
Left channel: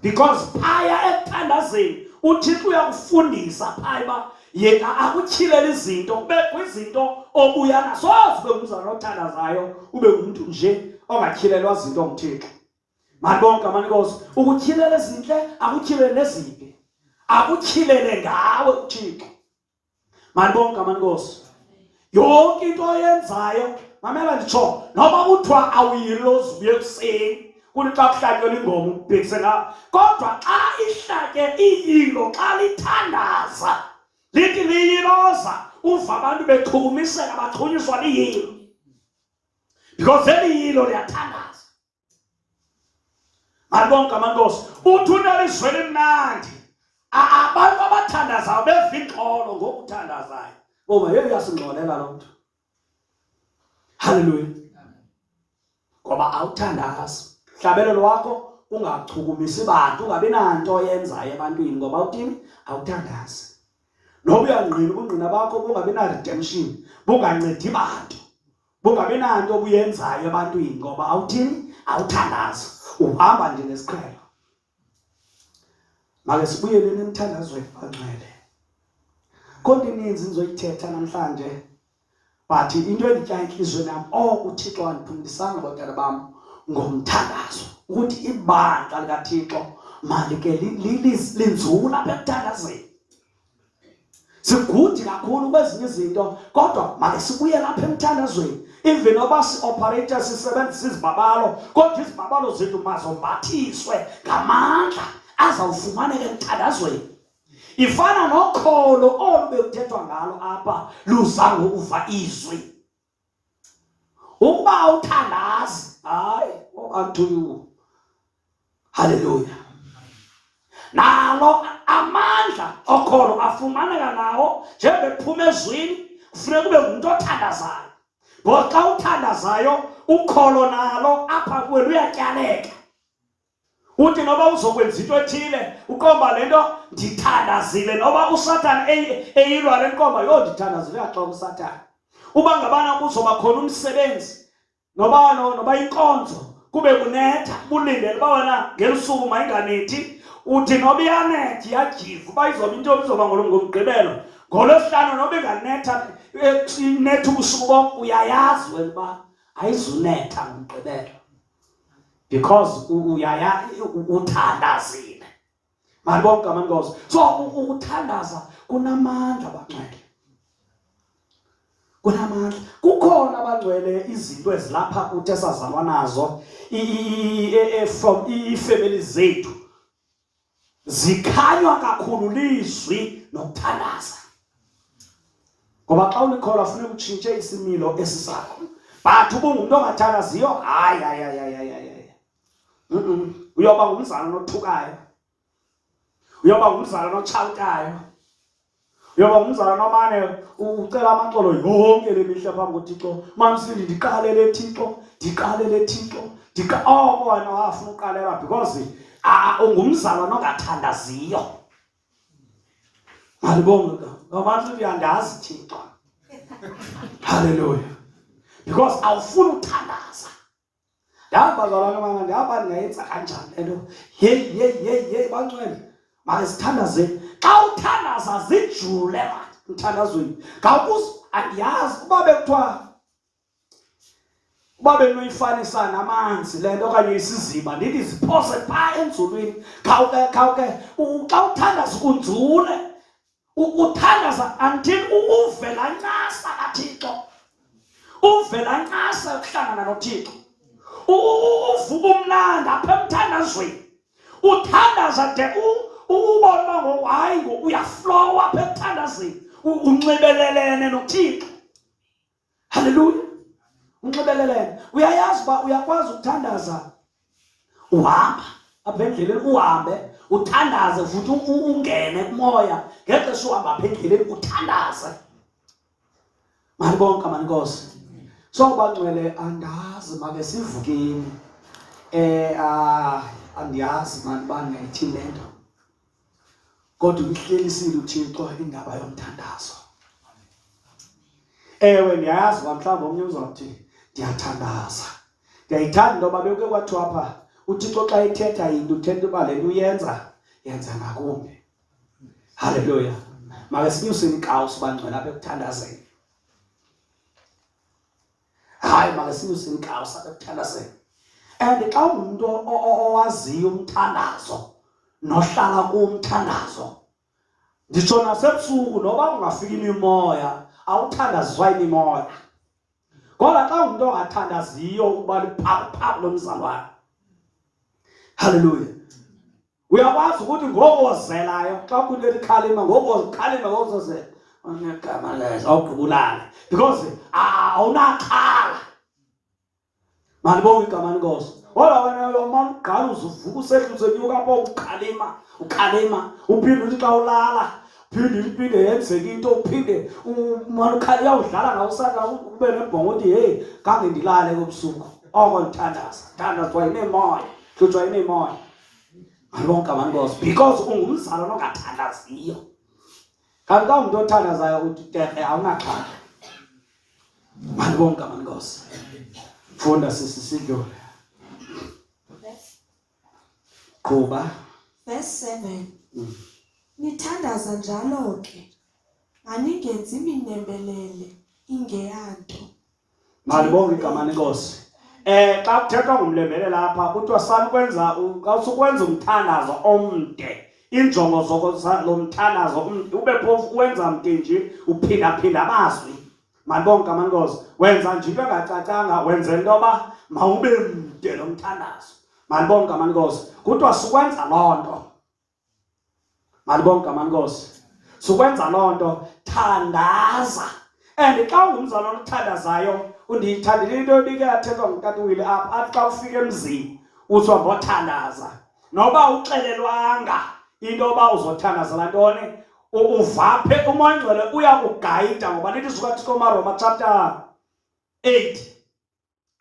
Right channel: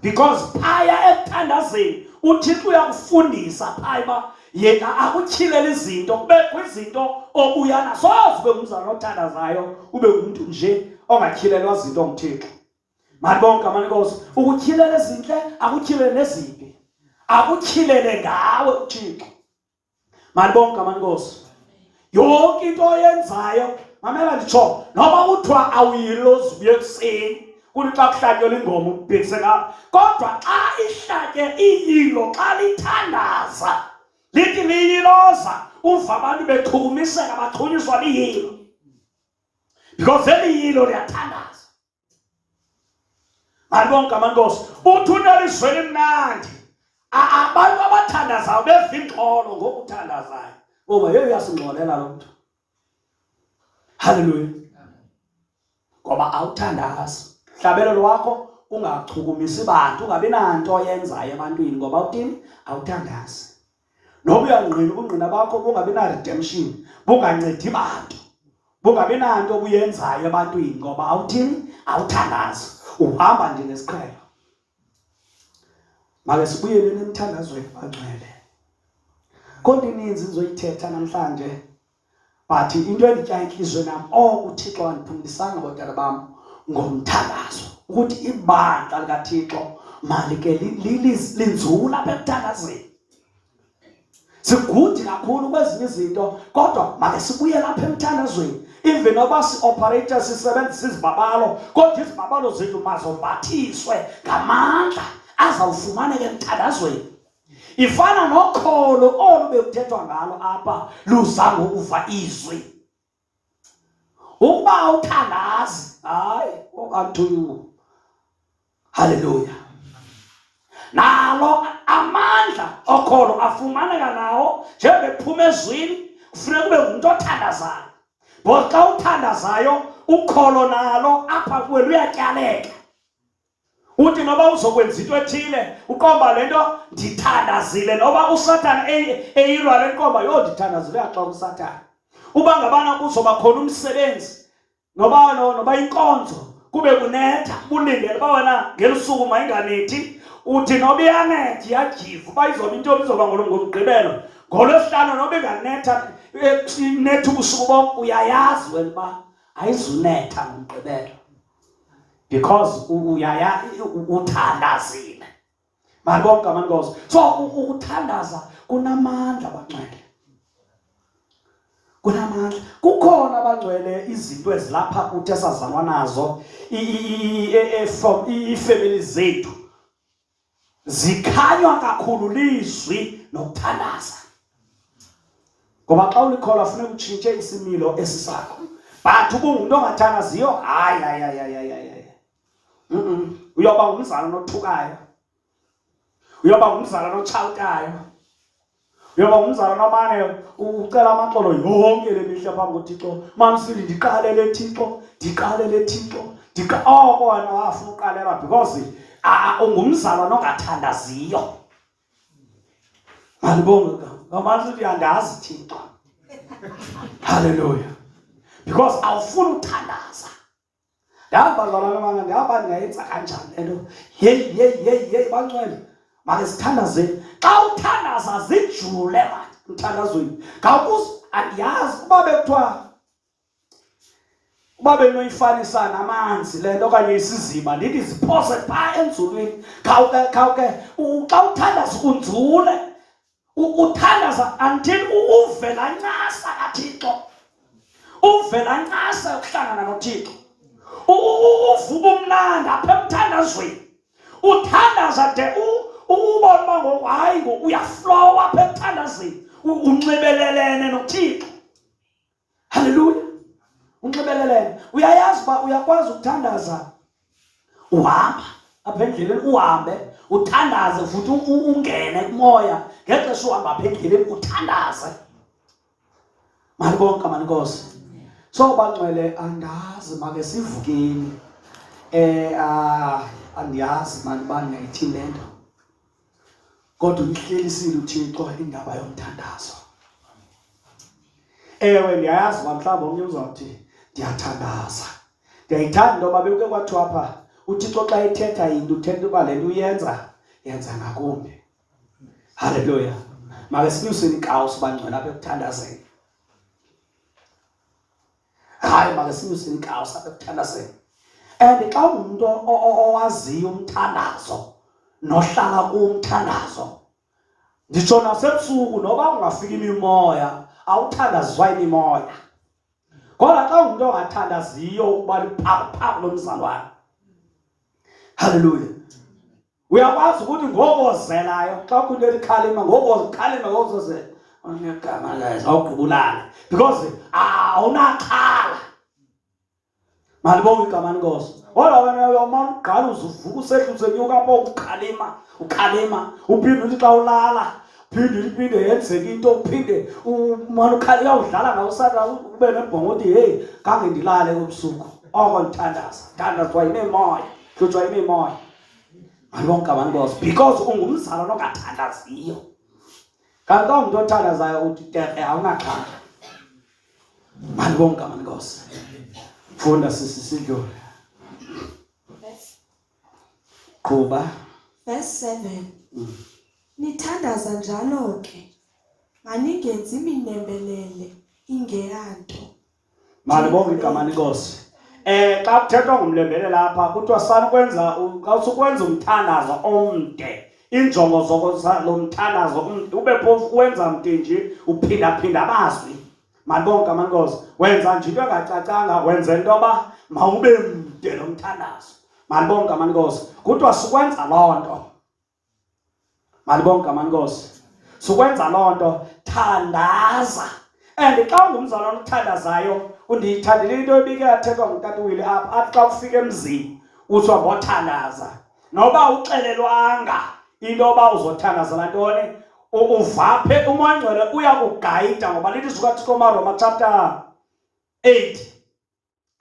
Because phaya ekuthandazeni uThixo uyakufundisa phaya ba yena akuthilela izinto kubekho izinto obuya nazo ube umzalwane othandazayo ube umuntu nje ongatyhilelwa izinto ngumthixo. Malibonke igama lenkosi. Ukutyhilela ezinhle akutyhilele neziphi akutyhilele ngawe uThixo. Malibonke igama lenkosi. Yonke into oyenzayo mamela nditsho noba kuthiwa awuyilozi ubuye ekuseni kuthi xa kuhlatyelwa ingoma ubhekise ngapha kodwa xa ihlake iyilo xa lithandaza lithi liyiloza uva abantu bechukumiseka bachunyiswa liyilo because eli yilo liyathandaza. Malibonke igama lenkosi. Uthi unelizwe elimnandi abantu abathandazayo beva ingxolo ngokuthandazayo ngoba yeye uyasingxolela lo mntu. Hallelujah. Ngoba awuthandazi. Hlabelelo wakho ungachukumisi bantu ungabi nanto oyenzayo ebantwini ngoba uthini awuthandazi. Noba uyangqina ubungqina bakho bungabi na redemption bungancedi bantu bungabi nanto obuyenzayo ebantwini ngoba awuthini awuthandazi uhamba nje nesiqhelo. Make sibuyeleni emthandazweni bangcwele. Konke ininzi nizoyithetha namhlanje but into enditya enhlizweni yami uThixo wandiphumlisanga bantwana bam ngomthandazo ukuthi ibandla likaThixo malike linzula apha ekuthandazeni. Sigudi kakhulu kwezinye izinto kodwa make sibuye lapha emthandazweni. Even noba si-operator sisebenzisa izibabalo kodwa izibabalo zethu mazombathiswe ngamandla azawufumaneka emthandazweni. Ifana nokholo olu bekuthethwa ngalo apha luza ngokuva izwi. Ukuba awuthandazi hayi unto you. Hallelujah. Nalo amandla okholo afumaneka nawo njengephuma ezwini kufuneka kube ngumuntu othandazayo. Ngoba xa uthandazayo ukholo nalo apha kuwe luyatyaleka. uthi noba uzokwenza into ethile ukomba lento ndithandazile, noba uSathane eyilwa le nkomba yo ndithandazile xa uSathane. Uba ngabana kuzoba khona umsebenzi noba inkonzo kube kunetha bulindele uba wena ngelisuku mayinganethi, uthi noba iyanethi yajiva uba izoba into izoba ngomgqibelo, ngolwesihlanu noba inganetha inetha ubusuku bonke, uyayazi wena uba ayizunetha ngomgqibelo because uthandazile. Malibonke amankosi. So ukuthandaza kunamandla abangcwele, kunamandla. Kukhona abangcwele izinto ezilapha kuthi esazalwa nazo from iifamily zethu zikhanywa kakhulu lizwi nokuthandaza, ngoba xa ulikhola funeka utshintshe isimilo esisakho. But ubungumuntu ongathandaziyo hayi uyoba ngumzalwane othukayo, uyoba ngumzalwane otshawutayo, uyoba ngumzalwane omane ucela amaxolo yonke le mihla phambi koThixo. Mamsindi ndiqalele Thixo, ndiqalele Thixo, oko wena wafuna uqalela because ungumzalwane ongathandaziyo. Malibonke mamsindi andazi Thixo. Hallelujah. Because awufuna uthandaza. Ndabazalwane mama ndihamba ndingayenza kanjani lento. Hey bangcwele makasithandazeni. Xa uthandaza zijule mthandazweni. Andiyazi uba bekuthiwa uba benoyifanisa namanzi le nto okanye isiziba ndithi ziphose phaa enzulwini. Khawuke xa uthandaza unzule, uthandaza until uvela ncasa kaThixo, uvela ncasa yokuhlangana noThixo, uvuka umnandi apha emthandazweni, uthandaza de ubona uba ngohayi uyaflowa apha emthandazweni, unxibelelene noThixo. Hallelujah. Unxibelelene. Uyayazi uba uyakwazi ukuthandaza uhamba apha endleleni, uhambe uthandaze futhi ungene kumoya ngexesha uhamba apha endleleni uthandaze. Malibonke amankosi. So bangcwele andazi make sivukeni. Andiyazi mani uba ndingayithini le nto, kodwa uyihlelisile uThixo indaba yomthandazo. Ewe ndiyayazi uba mhlawumbi omnye uzawuthi ndiyathandaza. Ndiyayithanda into yoba bekuke kwathiwa apha uThixo xa ethetha into uthetha uba le nto yenza ngakumbi. Hallelujah. Make sinyuseni inkawusi bangcwele apha ekuthandazeni. Hayi make sinyuseni inkawusi apha ekuthandazeni. And xa umuntu owaziyo umthandazo nohlala kumthandazo, nditsho nasebusuku noba ungafika imimoya awuthandaziswa imimoya. Kodwa xa umuntu ongathandaziyo ukuba liphaphu lomzalwane, hallelujah, uyakwazi ukuthi ngokuzelayo xa kuneli khalima ngokuzela ngegama lezo awugqibulane because awunaxhala. Malibonke igama lenkosi. Kodwa wena uyomana uqala uzuvuka usehla usenyuka apho ukhalima uphinde uthi xa ulala phinde yenzeke into, uphinde umane ukhalima uyawudlala ngawusaka ube nembongo uthi hey kange ndilale kobusuku. Oko ndithandaza, thandazwa yimimoya, hlutshwa yimimoya. Malibonke igama lenkosi because ungumzalwane ongathandaziyo. Kanti xa umuntu othandazayo uthi tere awunaxhala. Malibonke igama lenkosi. Funda sisidlule. Kuba verse 7. Nithandaza njalo ke, maningenzi iminembelele ingeyanto. Malibonke igama lenkosi. Xa kuthethwa ngomlembelele lapha kuthiwa usukwenza umthandazo omde. Injongo lo mthandazo ube phofu wenza mde nje uphinda amazwi. Malibonke igama lenkosi. Wenza nje into engacacanga, wenza into yoba mawube mde lo mthandazo. Malibonke igama lenkosi. Kuthiwa sukwenza loo nto. Malibonke igama lenkosi. Sukwenza loo nto, thandaza. And xa ungumzalwane othandazayo, undiyithandile into ebike yathethwa nguTatuwile apha, athi xa ufika emzini uthi ngothandaza. Noba uxelelwanga into yoba uzothandazela ntoni, uvaphe umoya ongcwele uyakugayida, ngoba lithi suka kuThixo Roma chapter 8,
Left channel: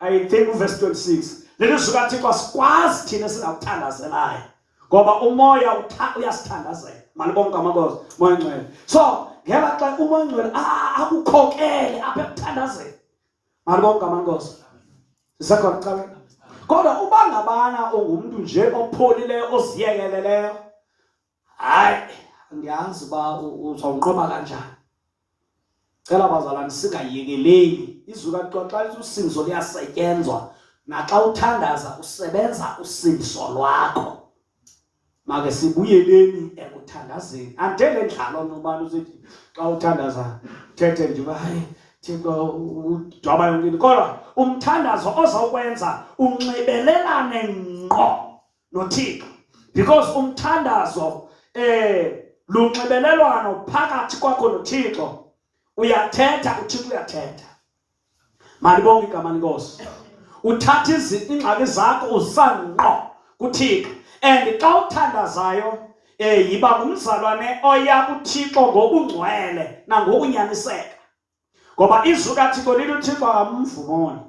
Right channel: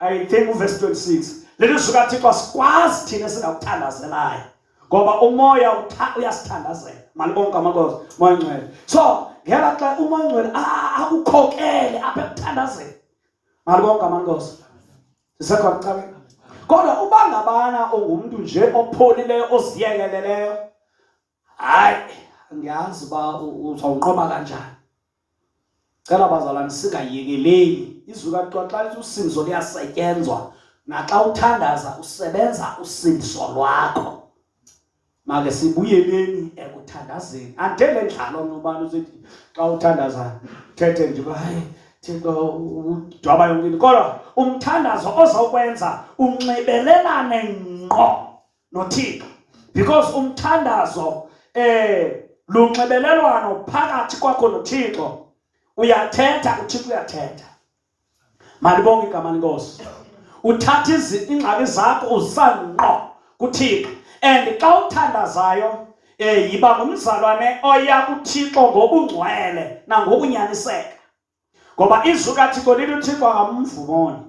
I think verse 26. lelizwi likaThixo asikwazi thina singakuthandazelayo ngoba umoya uyasithandazela. Malibonke amankosi, umoya ngcwele. So ngela xa umoya ngcwele akukhokele apha ekuthandazeni. Malibonke amankosi. Sisekhona kucabeka. Kodwa uba ngabana ungumuntu nje opholileyo oziyekeleleyo, hayi ngiyazi uba uzawunqoba kanjani. Cela bazalwane singayekeleli. Izwi likaThixo xa usindiso liyasetyenzwa, naxa uthandaza usebenza usindiso lwakho. Make sibuyeleni ekuthandazeni. Andele ndlalo nobani usithi xa uthandaza thethe nje hayi Thixo udwaba yonke. Kodwa umthandazo ozokwenza unxibelelane ngqo noThixo, because umthandazo lunxibelelwano phakathi kwakho noThixo. Uyathetha, uThixo uyathetha. Malibonke igama lenkosi. Uthatha ingxaki zakho uzisangqo kuThixo. And xa uthandazayo yiba ngumzalwane oya kuThixo ngobungcwele nangokunyaniseka. Ngoba izwi likaThixo lithi uThixo akamvumoni.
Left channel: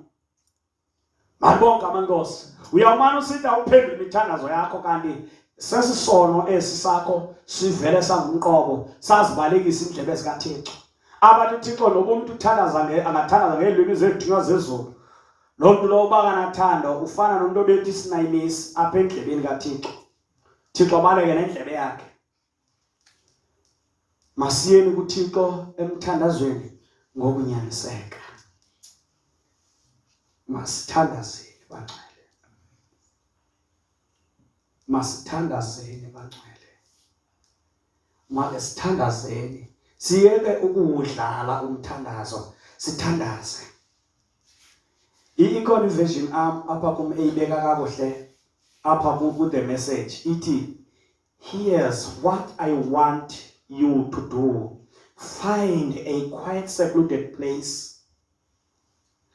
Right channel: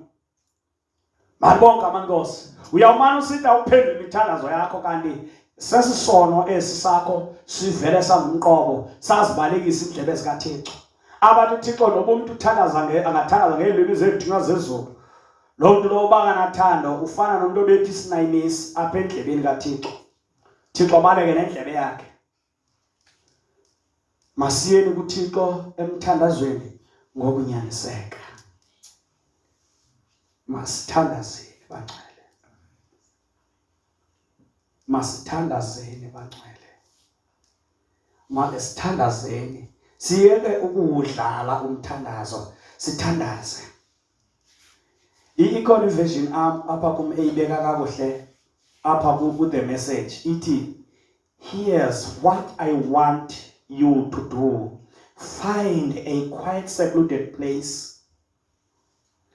Malibonke amankosi. Uyawumana usithi awuphendule imithandazo yakho kanti sesisono esi sakho sivele sangumqobo sazibalekisa indlebe zikaThixo. Abantu uThixo noba umuntu uthandaza angathandaza ngeelwimi zethunywa zezulu. Lo muntu lo banganathando ufana nomuntu obethi sinayimisi apha endlebeni kaThixo. Thixo abaleke nendlebe yakhe. Masiyeni kuThixo emthandazweni ngokunyaniseka. Masithandazeni bangcwele. Masithandazeni bangcwele. Make sithandazeni. Siyeke ukuwudlala umthandazo, sithandaze. I-Icon version apha kum eyibeka kakuhle apha ku the message ithi, here's what I want you to do. Find a quiet secluded place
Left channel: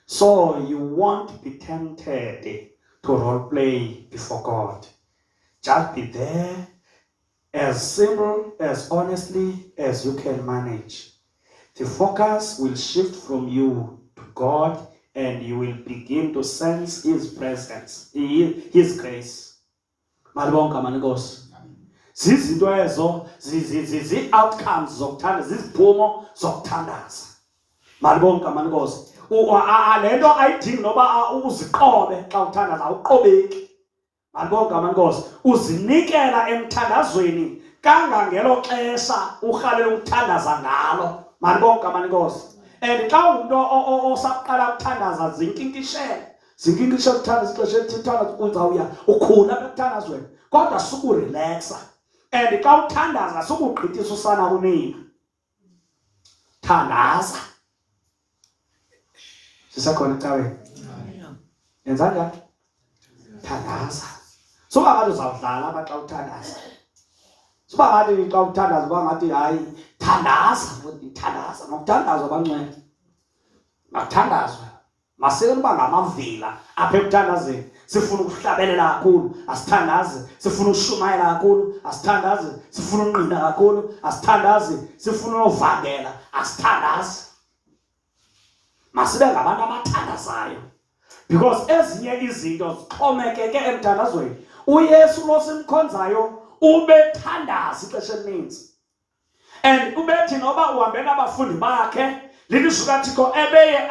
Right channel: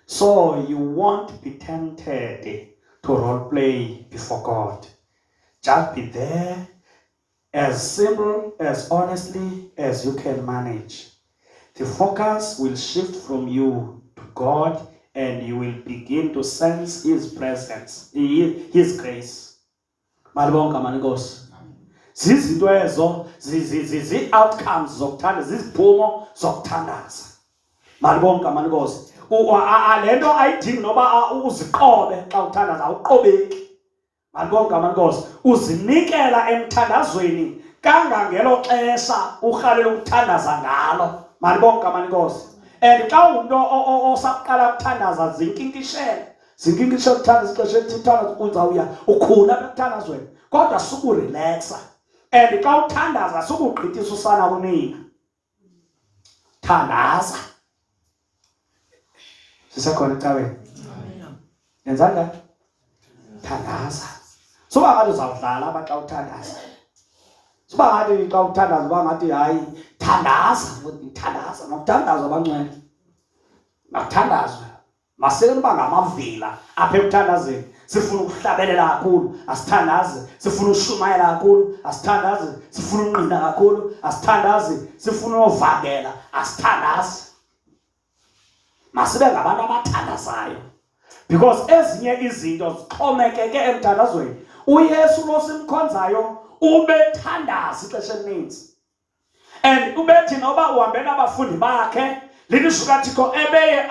so you won't be tempted to role play before God. Just be there as simple, as honestly as you can manage. The focus will shift from you to God and you will begin to sense His presence, His grace. Malibonke amankosi. Zizinto ezo zi-outcomes zokuthandaza, ziziphumo zokuthandaza. Malibonke amankosi. Lento ayidingi noba uziqobe xa uthandaza, awuqobeki. Malibonke amankosi. Uzinikela emthandazweni kangangelo xesha urhalela ukuthandaza ngalo. Malibonke amankosi. And xa umuntu osaqala ukuthandaza zinkinkishela ukuthandaza ixesha elithithandaza uzawuya ukhula apha ekuthandazweni. Kodwa sukurelaxa. And xa uthandaza sukugqithisa usana kunina. Thandaza. Sisekhona ecaweni. Yenza njani? Thandaza. Suba ngathi uzawudlala apha xa uthandaza. Suba ngathi xa uthandaza uba ngathi hayi thandaza, thandaza. Nokuthandaza bangcwele. Makuthandazwe. Masele uba ngamavila apha ekuthandazeni. Sifuna ukuhlabelela kakhulu, asithandaze. Sifuna ukushumayela kakhulu, asithandaze. Sifuna unqina kakhulu, asithandaze. Sifuna uvangela, asithandaze. Masibe ngabantu abathandazayo. Because ezinye izinto zixhomekeke emthandazweni. uYesu lo simkhonzayo ubethandaza ixesha elininzi. And ubethi noba uhambe nabafundi bakhe, lilizwi likaThixo ebeye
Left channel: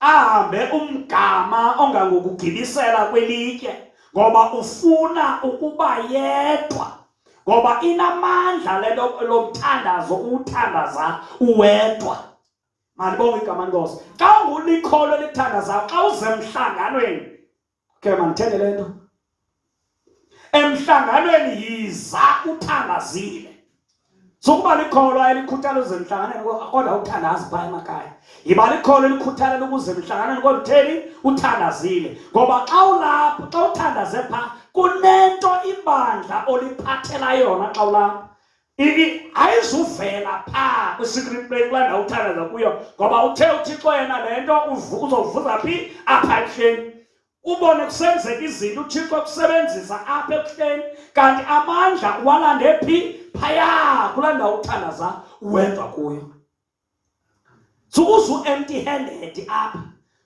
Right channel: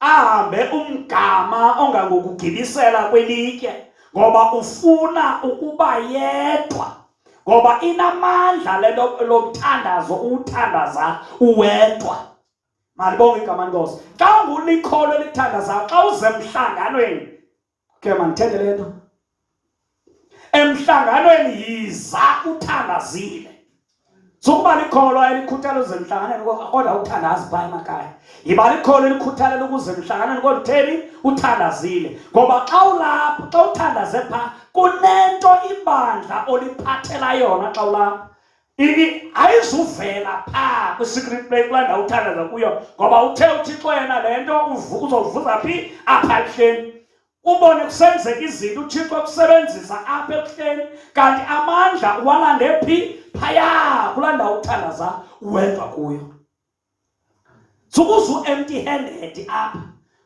ahambe umgama ongangokugibisela kwelitye, ngoba ufuna ukuba yedwa. Ngoba inamandla lento lomthandazo uthandaza uwedwa. Malibonke igama lenkosi. Xa ungulikholo elithandazayo, xa uze emhlanganweni, ke mandithenge le nto. Emhlanganweni yiza uthandazile. Sokuba likholo elikhuthala uze emhlanganweni kodwa uthandazi phaa emakhaya. Yiba likholo elikhuthalela ukuze emhlanganweni kodwa utheni uthandazile. Ngoba xa ulapha, xa uthandaze phaa, kunento ibandla oliphathela yona xa ulapha. Ayizuvela phaa kwi-secret place kulaa ndawo uthandaza kuyo, ngoba uthe uThixo yena le nto uzovuza phi? Apha ebuhleni. Ubone kusenzeka izinto uThixo kusebenzisa apha ebuhleni, kanti amandla walande phi? Phaya kulaa ndawo uthandaza uwedwa kuyo. Sukuze empty handed apha.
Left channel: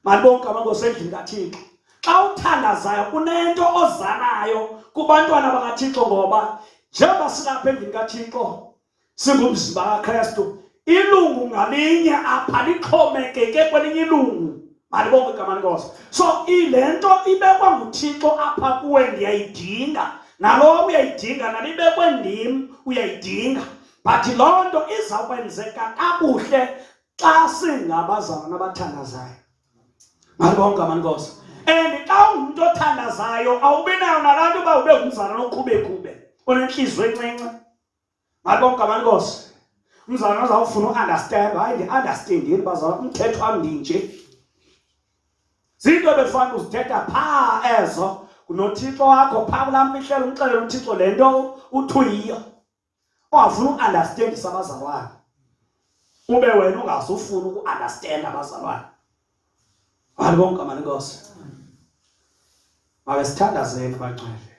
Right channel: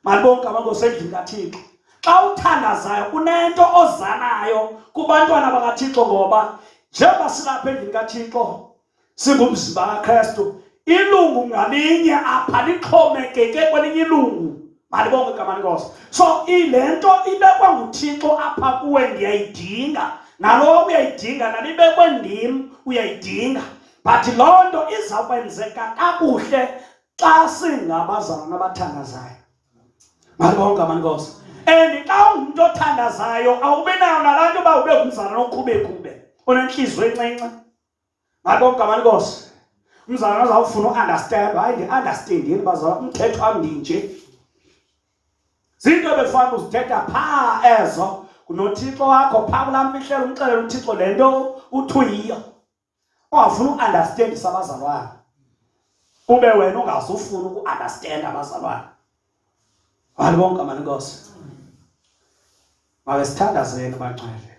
Malibonke amankosi endlini kaThixo. xa uthandazayo unento ozanayo kubantwana bakaThixo, ngoba njengoba silapha endlini kaThixo singumzimba kaKristu, ilungu ngalinye apha lixhomekeke kwelinye ilungu. Malibonke igama lenkosi. So ile nto ibekwa nguThixo apha kuwe ndiyayidinga, nalo uyayidinga, nalibekwe ndim uyayidinga, but loo nto izawukwenzeka kakuhle xa singabazalwana abathandazayo. Malibonke igama lenkosi. And xa ungumntu othandazayo awubi nayo nalaa nto uba ube ngumzalwana okhubekube onentliziyo encinci. Malibonke igama lenkosi. Umzalwana uzawufuna uunderstand, hayi ndi-understandini bazalwana, umthetho wam ndinje. Zinto ebefana uzithetha phaa ezo kunoThixo wakho phaa kulaa mihlelo, umxelele uThixo le nto uthi uyiyo. Ungafuna uunderstandisa abazalwana, ube wena ungazufuna uku-understanda abazalwana. Malibonke igama lenkosi. Mabe sithandazeni bangcwele.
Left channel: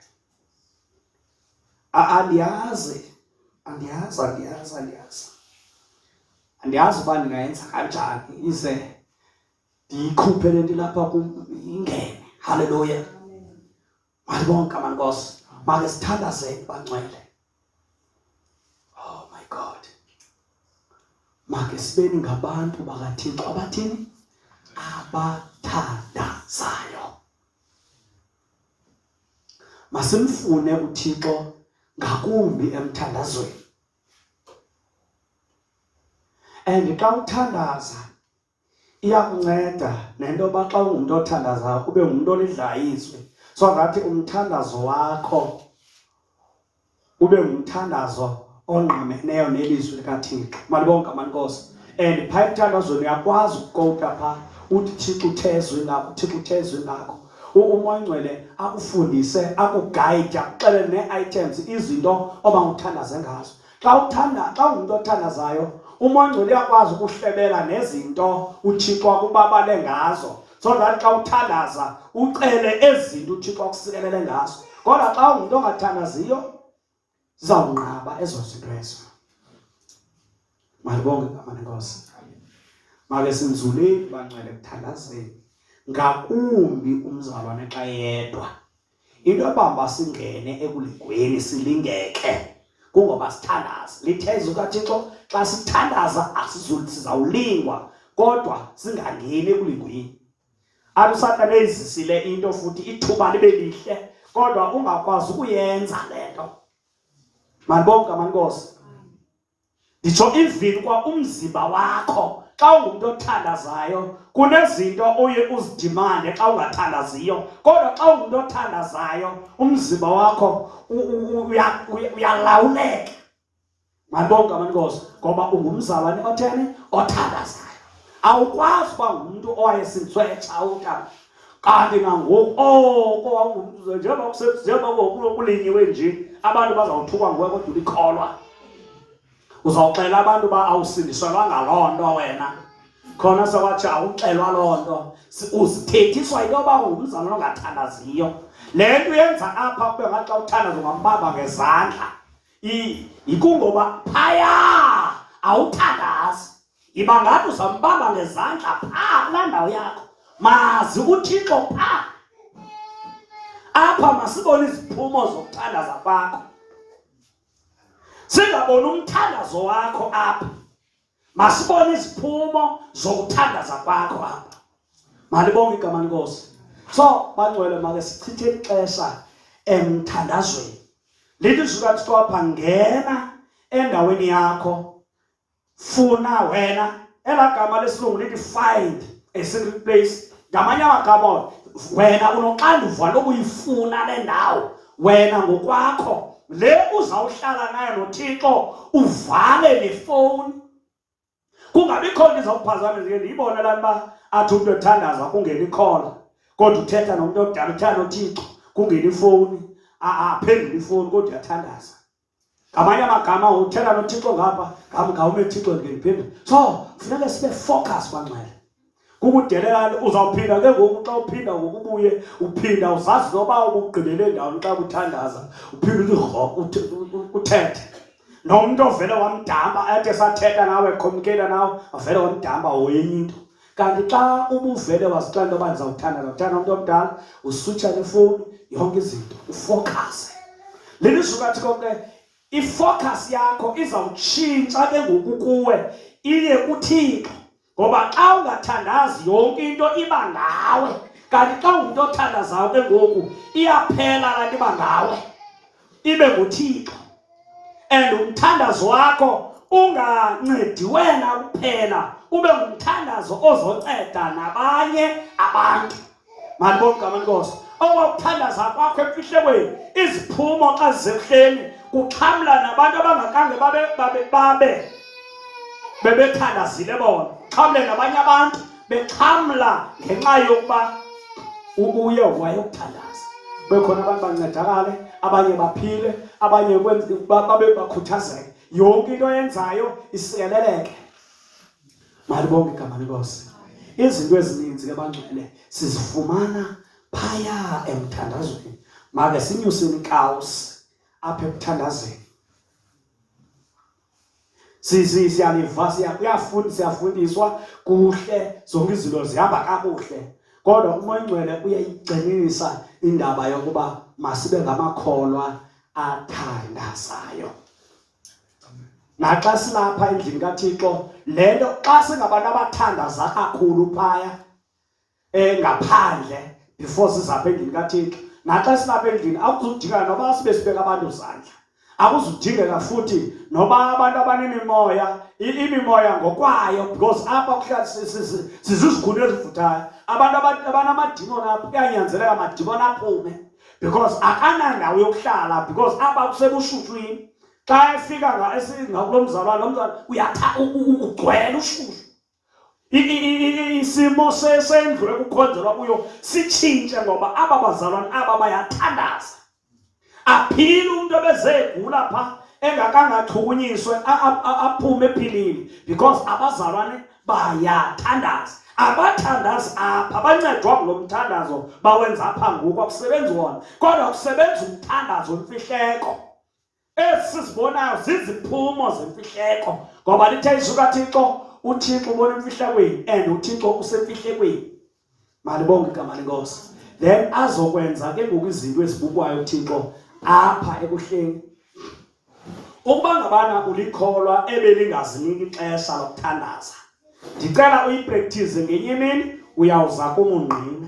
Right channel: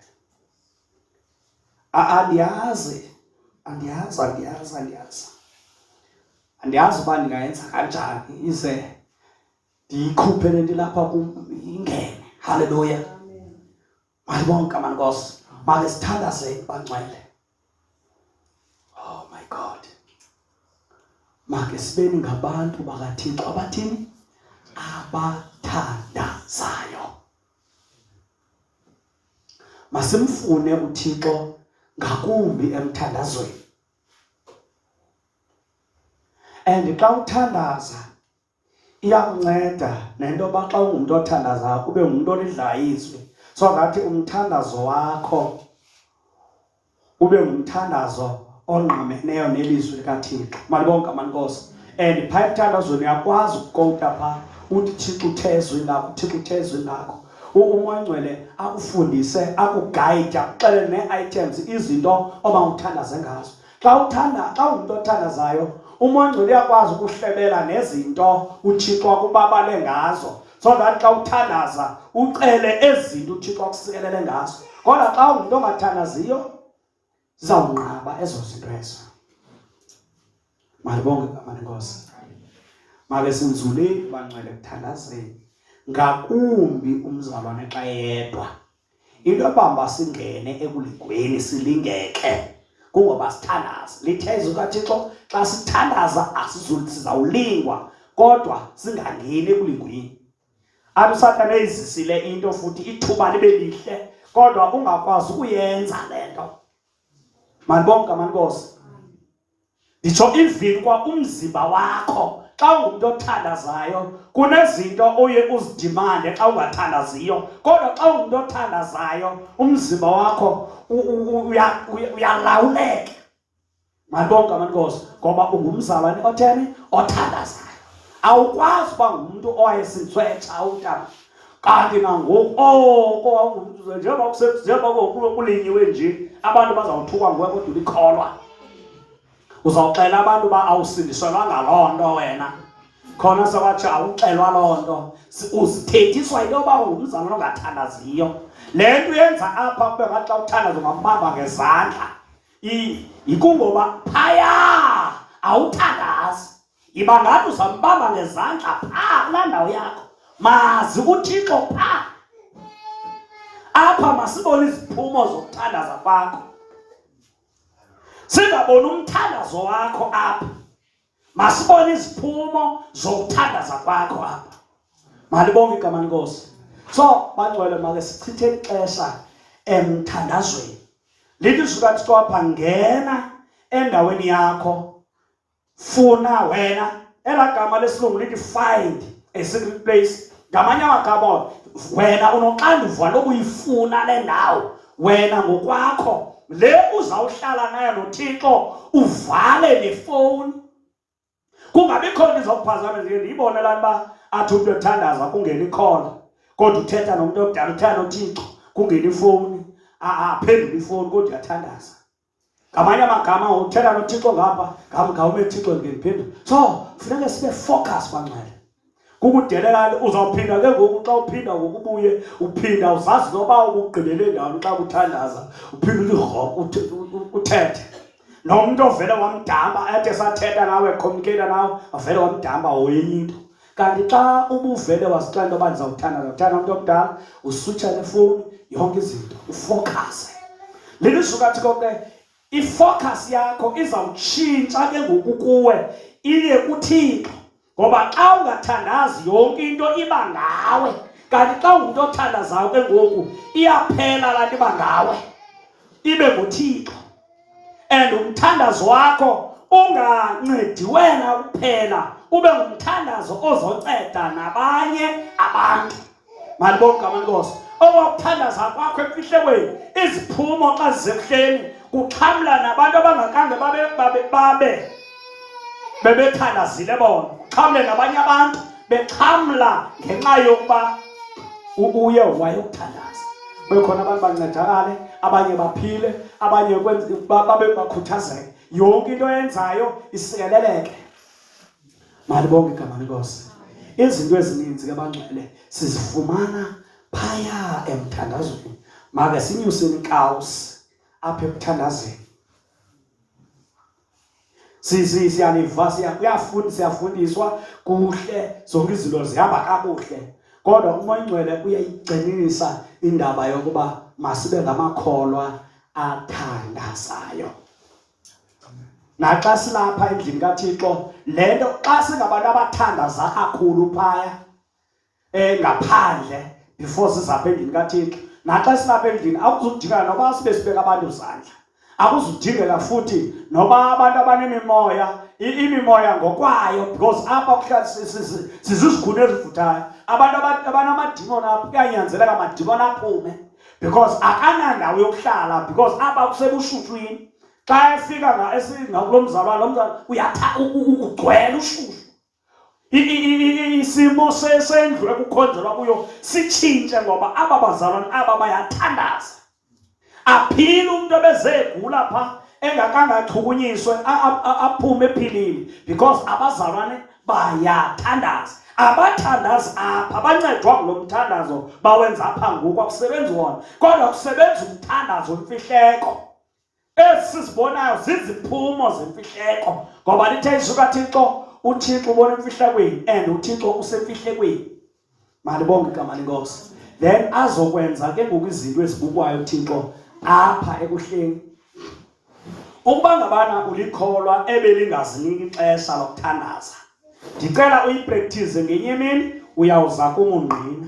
Andiyazi uba ndingayenza kanjani ize ndiyikhuphe le nto lapha kum ingene. Haleluya. Malibonke igama lenkosi. Make sithandazeni bangcwele. Oh my God. Make sibeni ngabantu bakaThixo abathini? Abathandazayo. Masimfune uThixo ngakumbi emthandazweni. And xa uthandaza iyakunceda nento yoba xa ungumntu othandazayo ube ngumntu olidlayo izwi, so ngathi umthandazo wakho ube ngumthandazo ongqameneyo nelizwi likaThixo. Malibonke igama lenkosi. And phaa emthandazweni uyakwazi ukukota phaa uthi Thixo uthe ezwini lakho, Thixo uthe ezwini lakho. Umoya Ngcwele akufundise, akugayide, akuxelele nee-items, izinto obawuthandaze ngazo. Xa ungumntu othandazayo, umoya Ngcwele uyakwazi ukuhlebela nezinto uThixo akubabale ngazo, so that xa uthandaza ucele ezinto uThixo akusikelele ngazo. Kodwa xa ungumntu ongathandaziyo zizawunqaba ezo zinto ezo. Malibonke igama lenkosi. Make sinzuleni bangcwele ekuthandazeni, ngakumbi umzalwane xa yedwa. Into ebamba singene ekulingweni silingeke kungoba sithandaza. Lithe izwi likaThixo xa sithandaza sizawulingwa, kodwa singangeni ekulingweni. Athi uSathane eyizisile into futhi ithuba libe lihle, kodwa ungakwazi ukuyenza le nto. Malibonke igama lenkosi. Nditsho even kwa umzimba wakho xa ungumntu othandazayo kunezinto oye uzidimande xa ungathandaziyo, kodwa xa ungumntu othandazayo umzimba wakho uyalawuleka. Malibonke igama lenkosi, ngoba ungumzalwane otheni othandazayo. Awukwazi uba ngumntu owayesintswetsha utata kanti nangoku njengoba kulinyiwe nje abantu bazawuthukwa nguwe kodwa ulikholwa. Uzawuxela abantu uba awusindiselwa ngaloo nto wena, khona sekwathi awuxelwa loo nto. Uzithethiswa into yoba ungumzalwane ongathandaziyo. Le nto uyenza apha kube ngathi xa uthandaza ungambamba ngezandla, ikungoba phaya awuthandazi. Iba ngathi uzambamba ngezandla phaa kulaa ndawo yakho. Mazi uThixo phaa. Apha masibone iziphumo zokuthandaza kwakho, singaboni umthandazo wakho apha, masibone iziphumo zokuthandaza kwakho apha. Malibonke igama lenkosi. So bangcwele, make sichithe ixesha emthandazweni. Lithi izwi likaThixo apha, ngena endaweni yakho, funa wena. Elaa gama lesilungu lithi find a secret place. Ngamanye amagama wena unoxanduva lokuyifuna le ndawo. Wena ngokwakho le uzawuhlala nayo noThixo, uvale nefowuni. Kungabikho nto izawuphazama nje ndiyibone laa nto athi umntu ethandaza kungena ikhola, kodwa uthetha nomntu omdala, uthetha noThixo kungena ifowuni, aphendula ifowuni kodwa uyathandaza. Ngamanye amagama uthetha noThixo ngapha, ngawume Thixo ngemphendula. So funeka sibe focus bangcwele. Kukudelela uzawuphinda ke ngoku xa uphinda ngokubuye uphinda uzazi noba ubugqibele ndawoni xa kuthandaza, uphinda uthi uthethe nomntu ovele wamdamba athi esathetha nawe communicate nawe avele wamdamba wenye into. kanti xa ubuvele wazixela into yoba ndizawuthanda umuntu omdala uswitsha nefowuni yonke izinto ufokase. Lelizwi kaThixo ke ifocus yakho izawutshintsha ke ngoku kuwe iye kuThixo, ngoba xa ungathandazi yonke into iba ngawe, kanti xa ungumntu othandazayo ke ngoku iyaphela laa nto iba ngawe ibe nguThixo. And umthandazo wakho ungancedi wena kuphela, ube ngumthandazo ozonceda nabanye abantu. Malibonke igama lenkosi. Owakuthandaza kwakho emfihlekweni, iziphumo xa zisekuhleni kuxhamla nabantu abangakange bebethandazile bona, xhamle nabanye abantu bexhamla ngenxa yokuba uye wayokuthandaza. Bekhona abantu bancedakale, abanye baphile, abanye babe bakhuthazeke, yonke into oyenzayo isikeleleke. Malibonke igama lenkosi. Izinto ezininzi ke bangcwele sizifumana phaya emthandazweni. Make sinyuseni ikawusi apha ekuthandazeni. Siyafundiswa kuhle, zonke izinto zihamba kakuhle, kodwa uMoya uyayigcinisa indaba yokuba masibe ngamakholwa athandazayo. Naxa silapha endlini kaThixo, le nto xa singabantu abathandaza kakhulu phaya ngaphandle before sizapha endlini kaThixo, naxa silapha endlini akuzudingeka noba sibe sibeka abantu izandla, akuzudingeka futhi noba abantu abanemimoya, imimoya ngokwayo, because apha kuhlala sizizigulo ezivuthayo. Abantu abanamadimoni apha kuyanyanzeleka amadimoni aphume, because akanandawo yokuhlala, because apha kusebushuswini. Xa efika ngakulo mzalwane ugcwele ushushu. Isimo sendlu ekukhonzelwa kuyo sitshintshe, ngoba aba bazalwane aba bayathandaza. Aphile umuntu ebezegula pha engakangachukunyiswe aphume ephilile, because abazalwane bayathandaza. Abathandazi apha bancedwa kulo mthandazo bawenza apha ngoku, akusebenzi wona, kodwa kusebenza umthandazo wemfihleko. Esizibonayo ziziphumo zemfihleko, ngoba lithe izwi kaThixo, uThixo ubona emfihlekweni and uThixo usemfihlekweni. Malibonke igama lenkosi. Then azokwenza ke ngoku izinto ezibukwayo uThixo apha ekuhleni. Ukuba ngabana ulikholwa ebelingaziniki ixesha lokuthandaza, ndicela uyipractice ngenye imini, uyawuza kumungqina.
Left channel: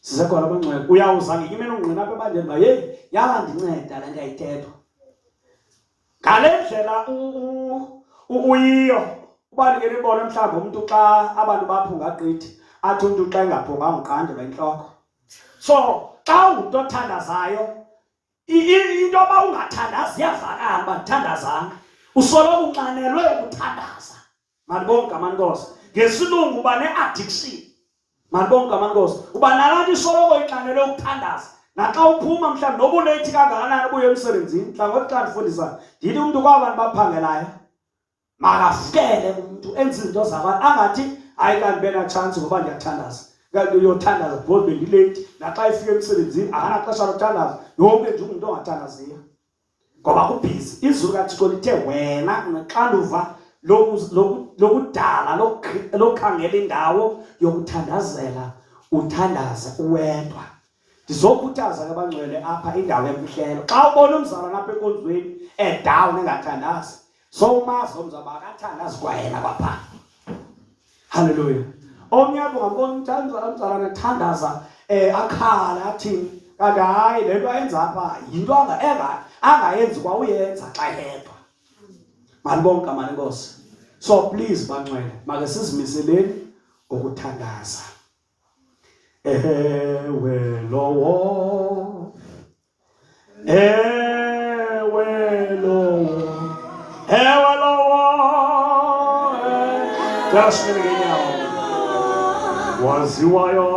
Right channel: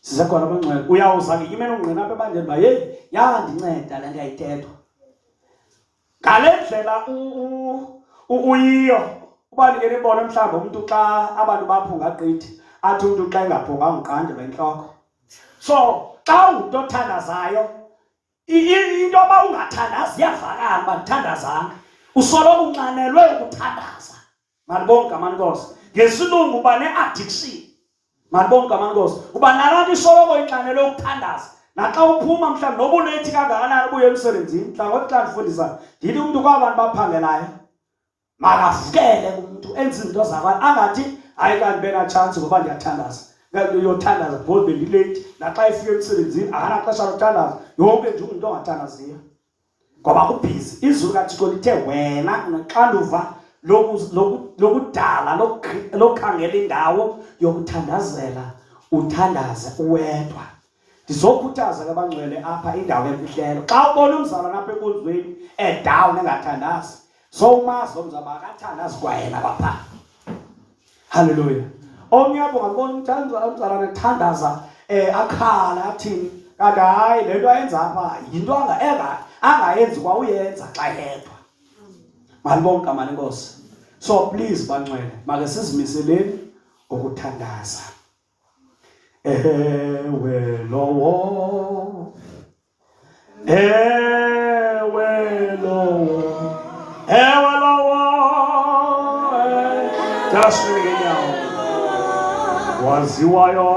Sizakwala abangcwele, uyawuza ngenye imini ungqina apha ebandleni uba yeyi yandinceda le nto ayithethwa. Ngale ndlela uyiyo, ubalekele ibone mhlawumbi umuntu xa abantu baphunga gqithi, athi umuntu xa engaphunganga uqanjelwa intloko. So xa ungumntu othandazayo, into yoba ungathandazi iyavakala uba ndithandazanga, usoloko unxanelwe ukuthandaza. Malibonke igama lenkosi. Ngesilungu uba ne-addiction. Malibonke igama lenkosi. Uba nalaa nto isoloko inxanelwe ukuthandaza. Naxa uphuma mhlawumbi noba uleyithi kangakanani ubuye emsebenzini, mhlawumbi xa ndifundisa ndithi umntu kwabantu baphangelayo makavukele umntu enze izinto zakwayo, angathi hayi kanti benatshantsi ngoba ndiyathandaza. Uyothandaza because bendileyithi, naxa efika emsebenzini akanaxesha lothandaza, yonke nje ungumntu ongathandaziyo ngoba kubhizi. Izwi likaThixo lithe wena unoxanduva lokudala, lokukhangela indawo yokuthandazela, uthandaze uwedwa. Ndizokhuthaza ke abangcwele apha indawo yemfihlelo. Xa ubona umzalwane apha enkonzweni edown engathandazi, so umazi omzaba akathandazi kwayena kwapha. Haleluya. Omnye apho ngambona umzalwane ethandaza akhala athini, kanti hayi le nto ayenza apha yinto angayenzi kwa uyenza xa yedwa. Malibonke igama lenkosi. So please bangcwele, make sizimiseleni ukuthandaza. Ewe lowo, ewe lowo, ewe lowo, just waziwayo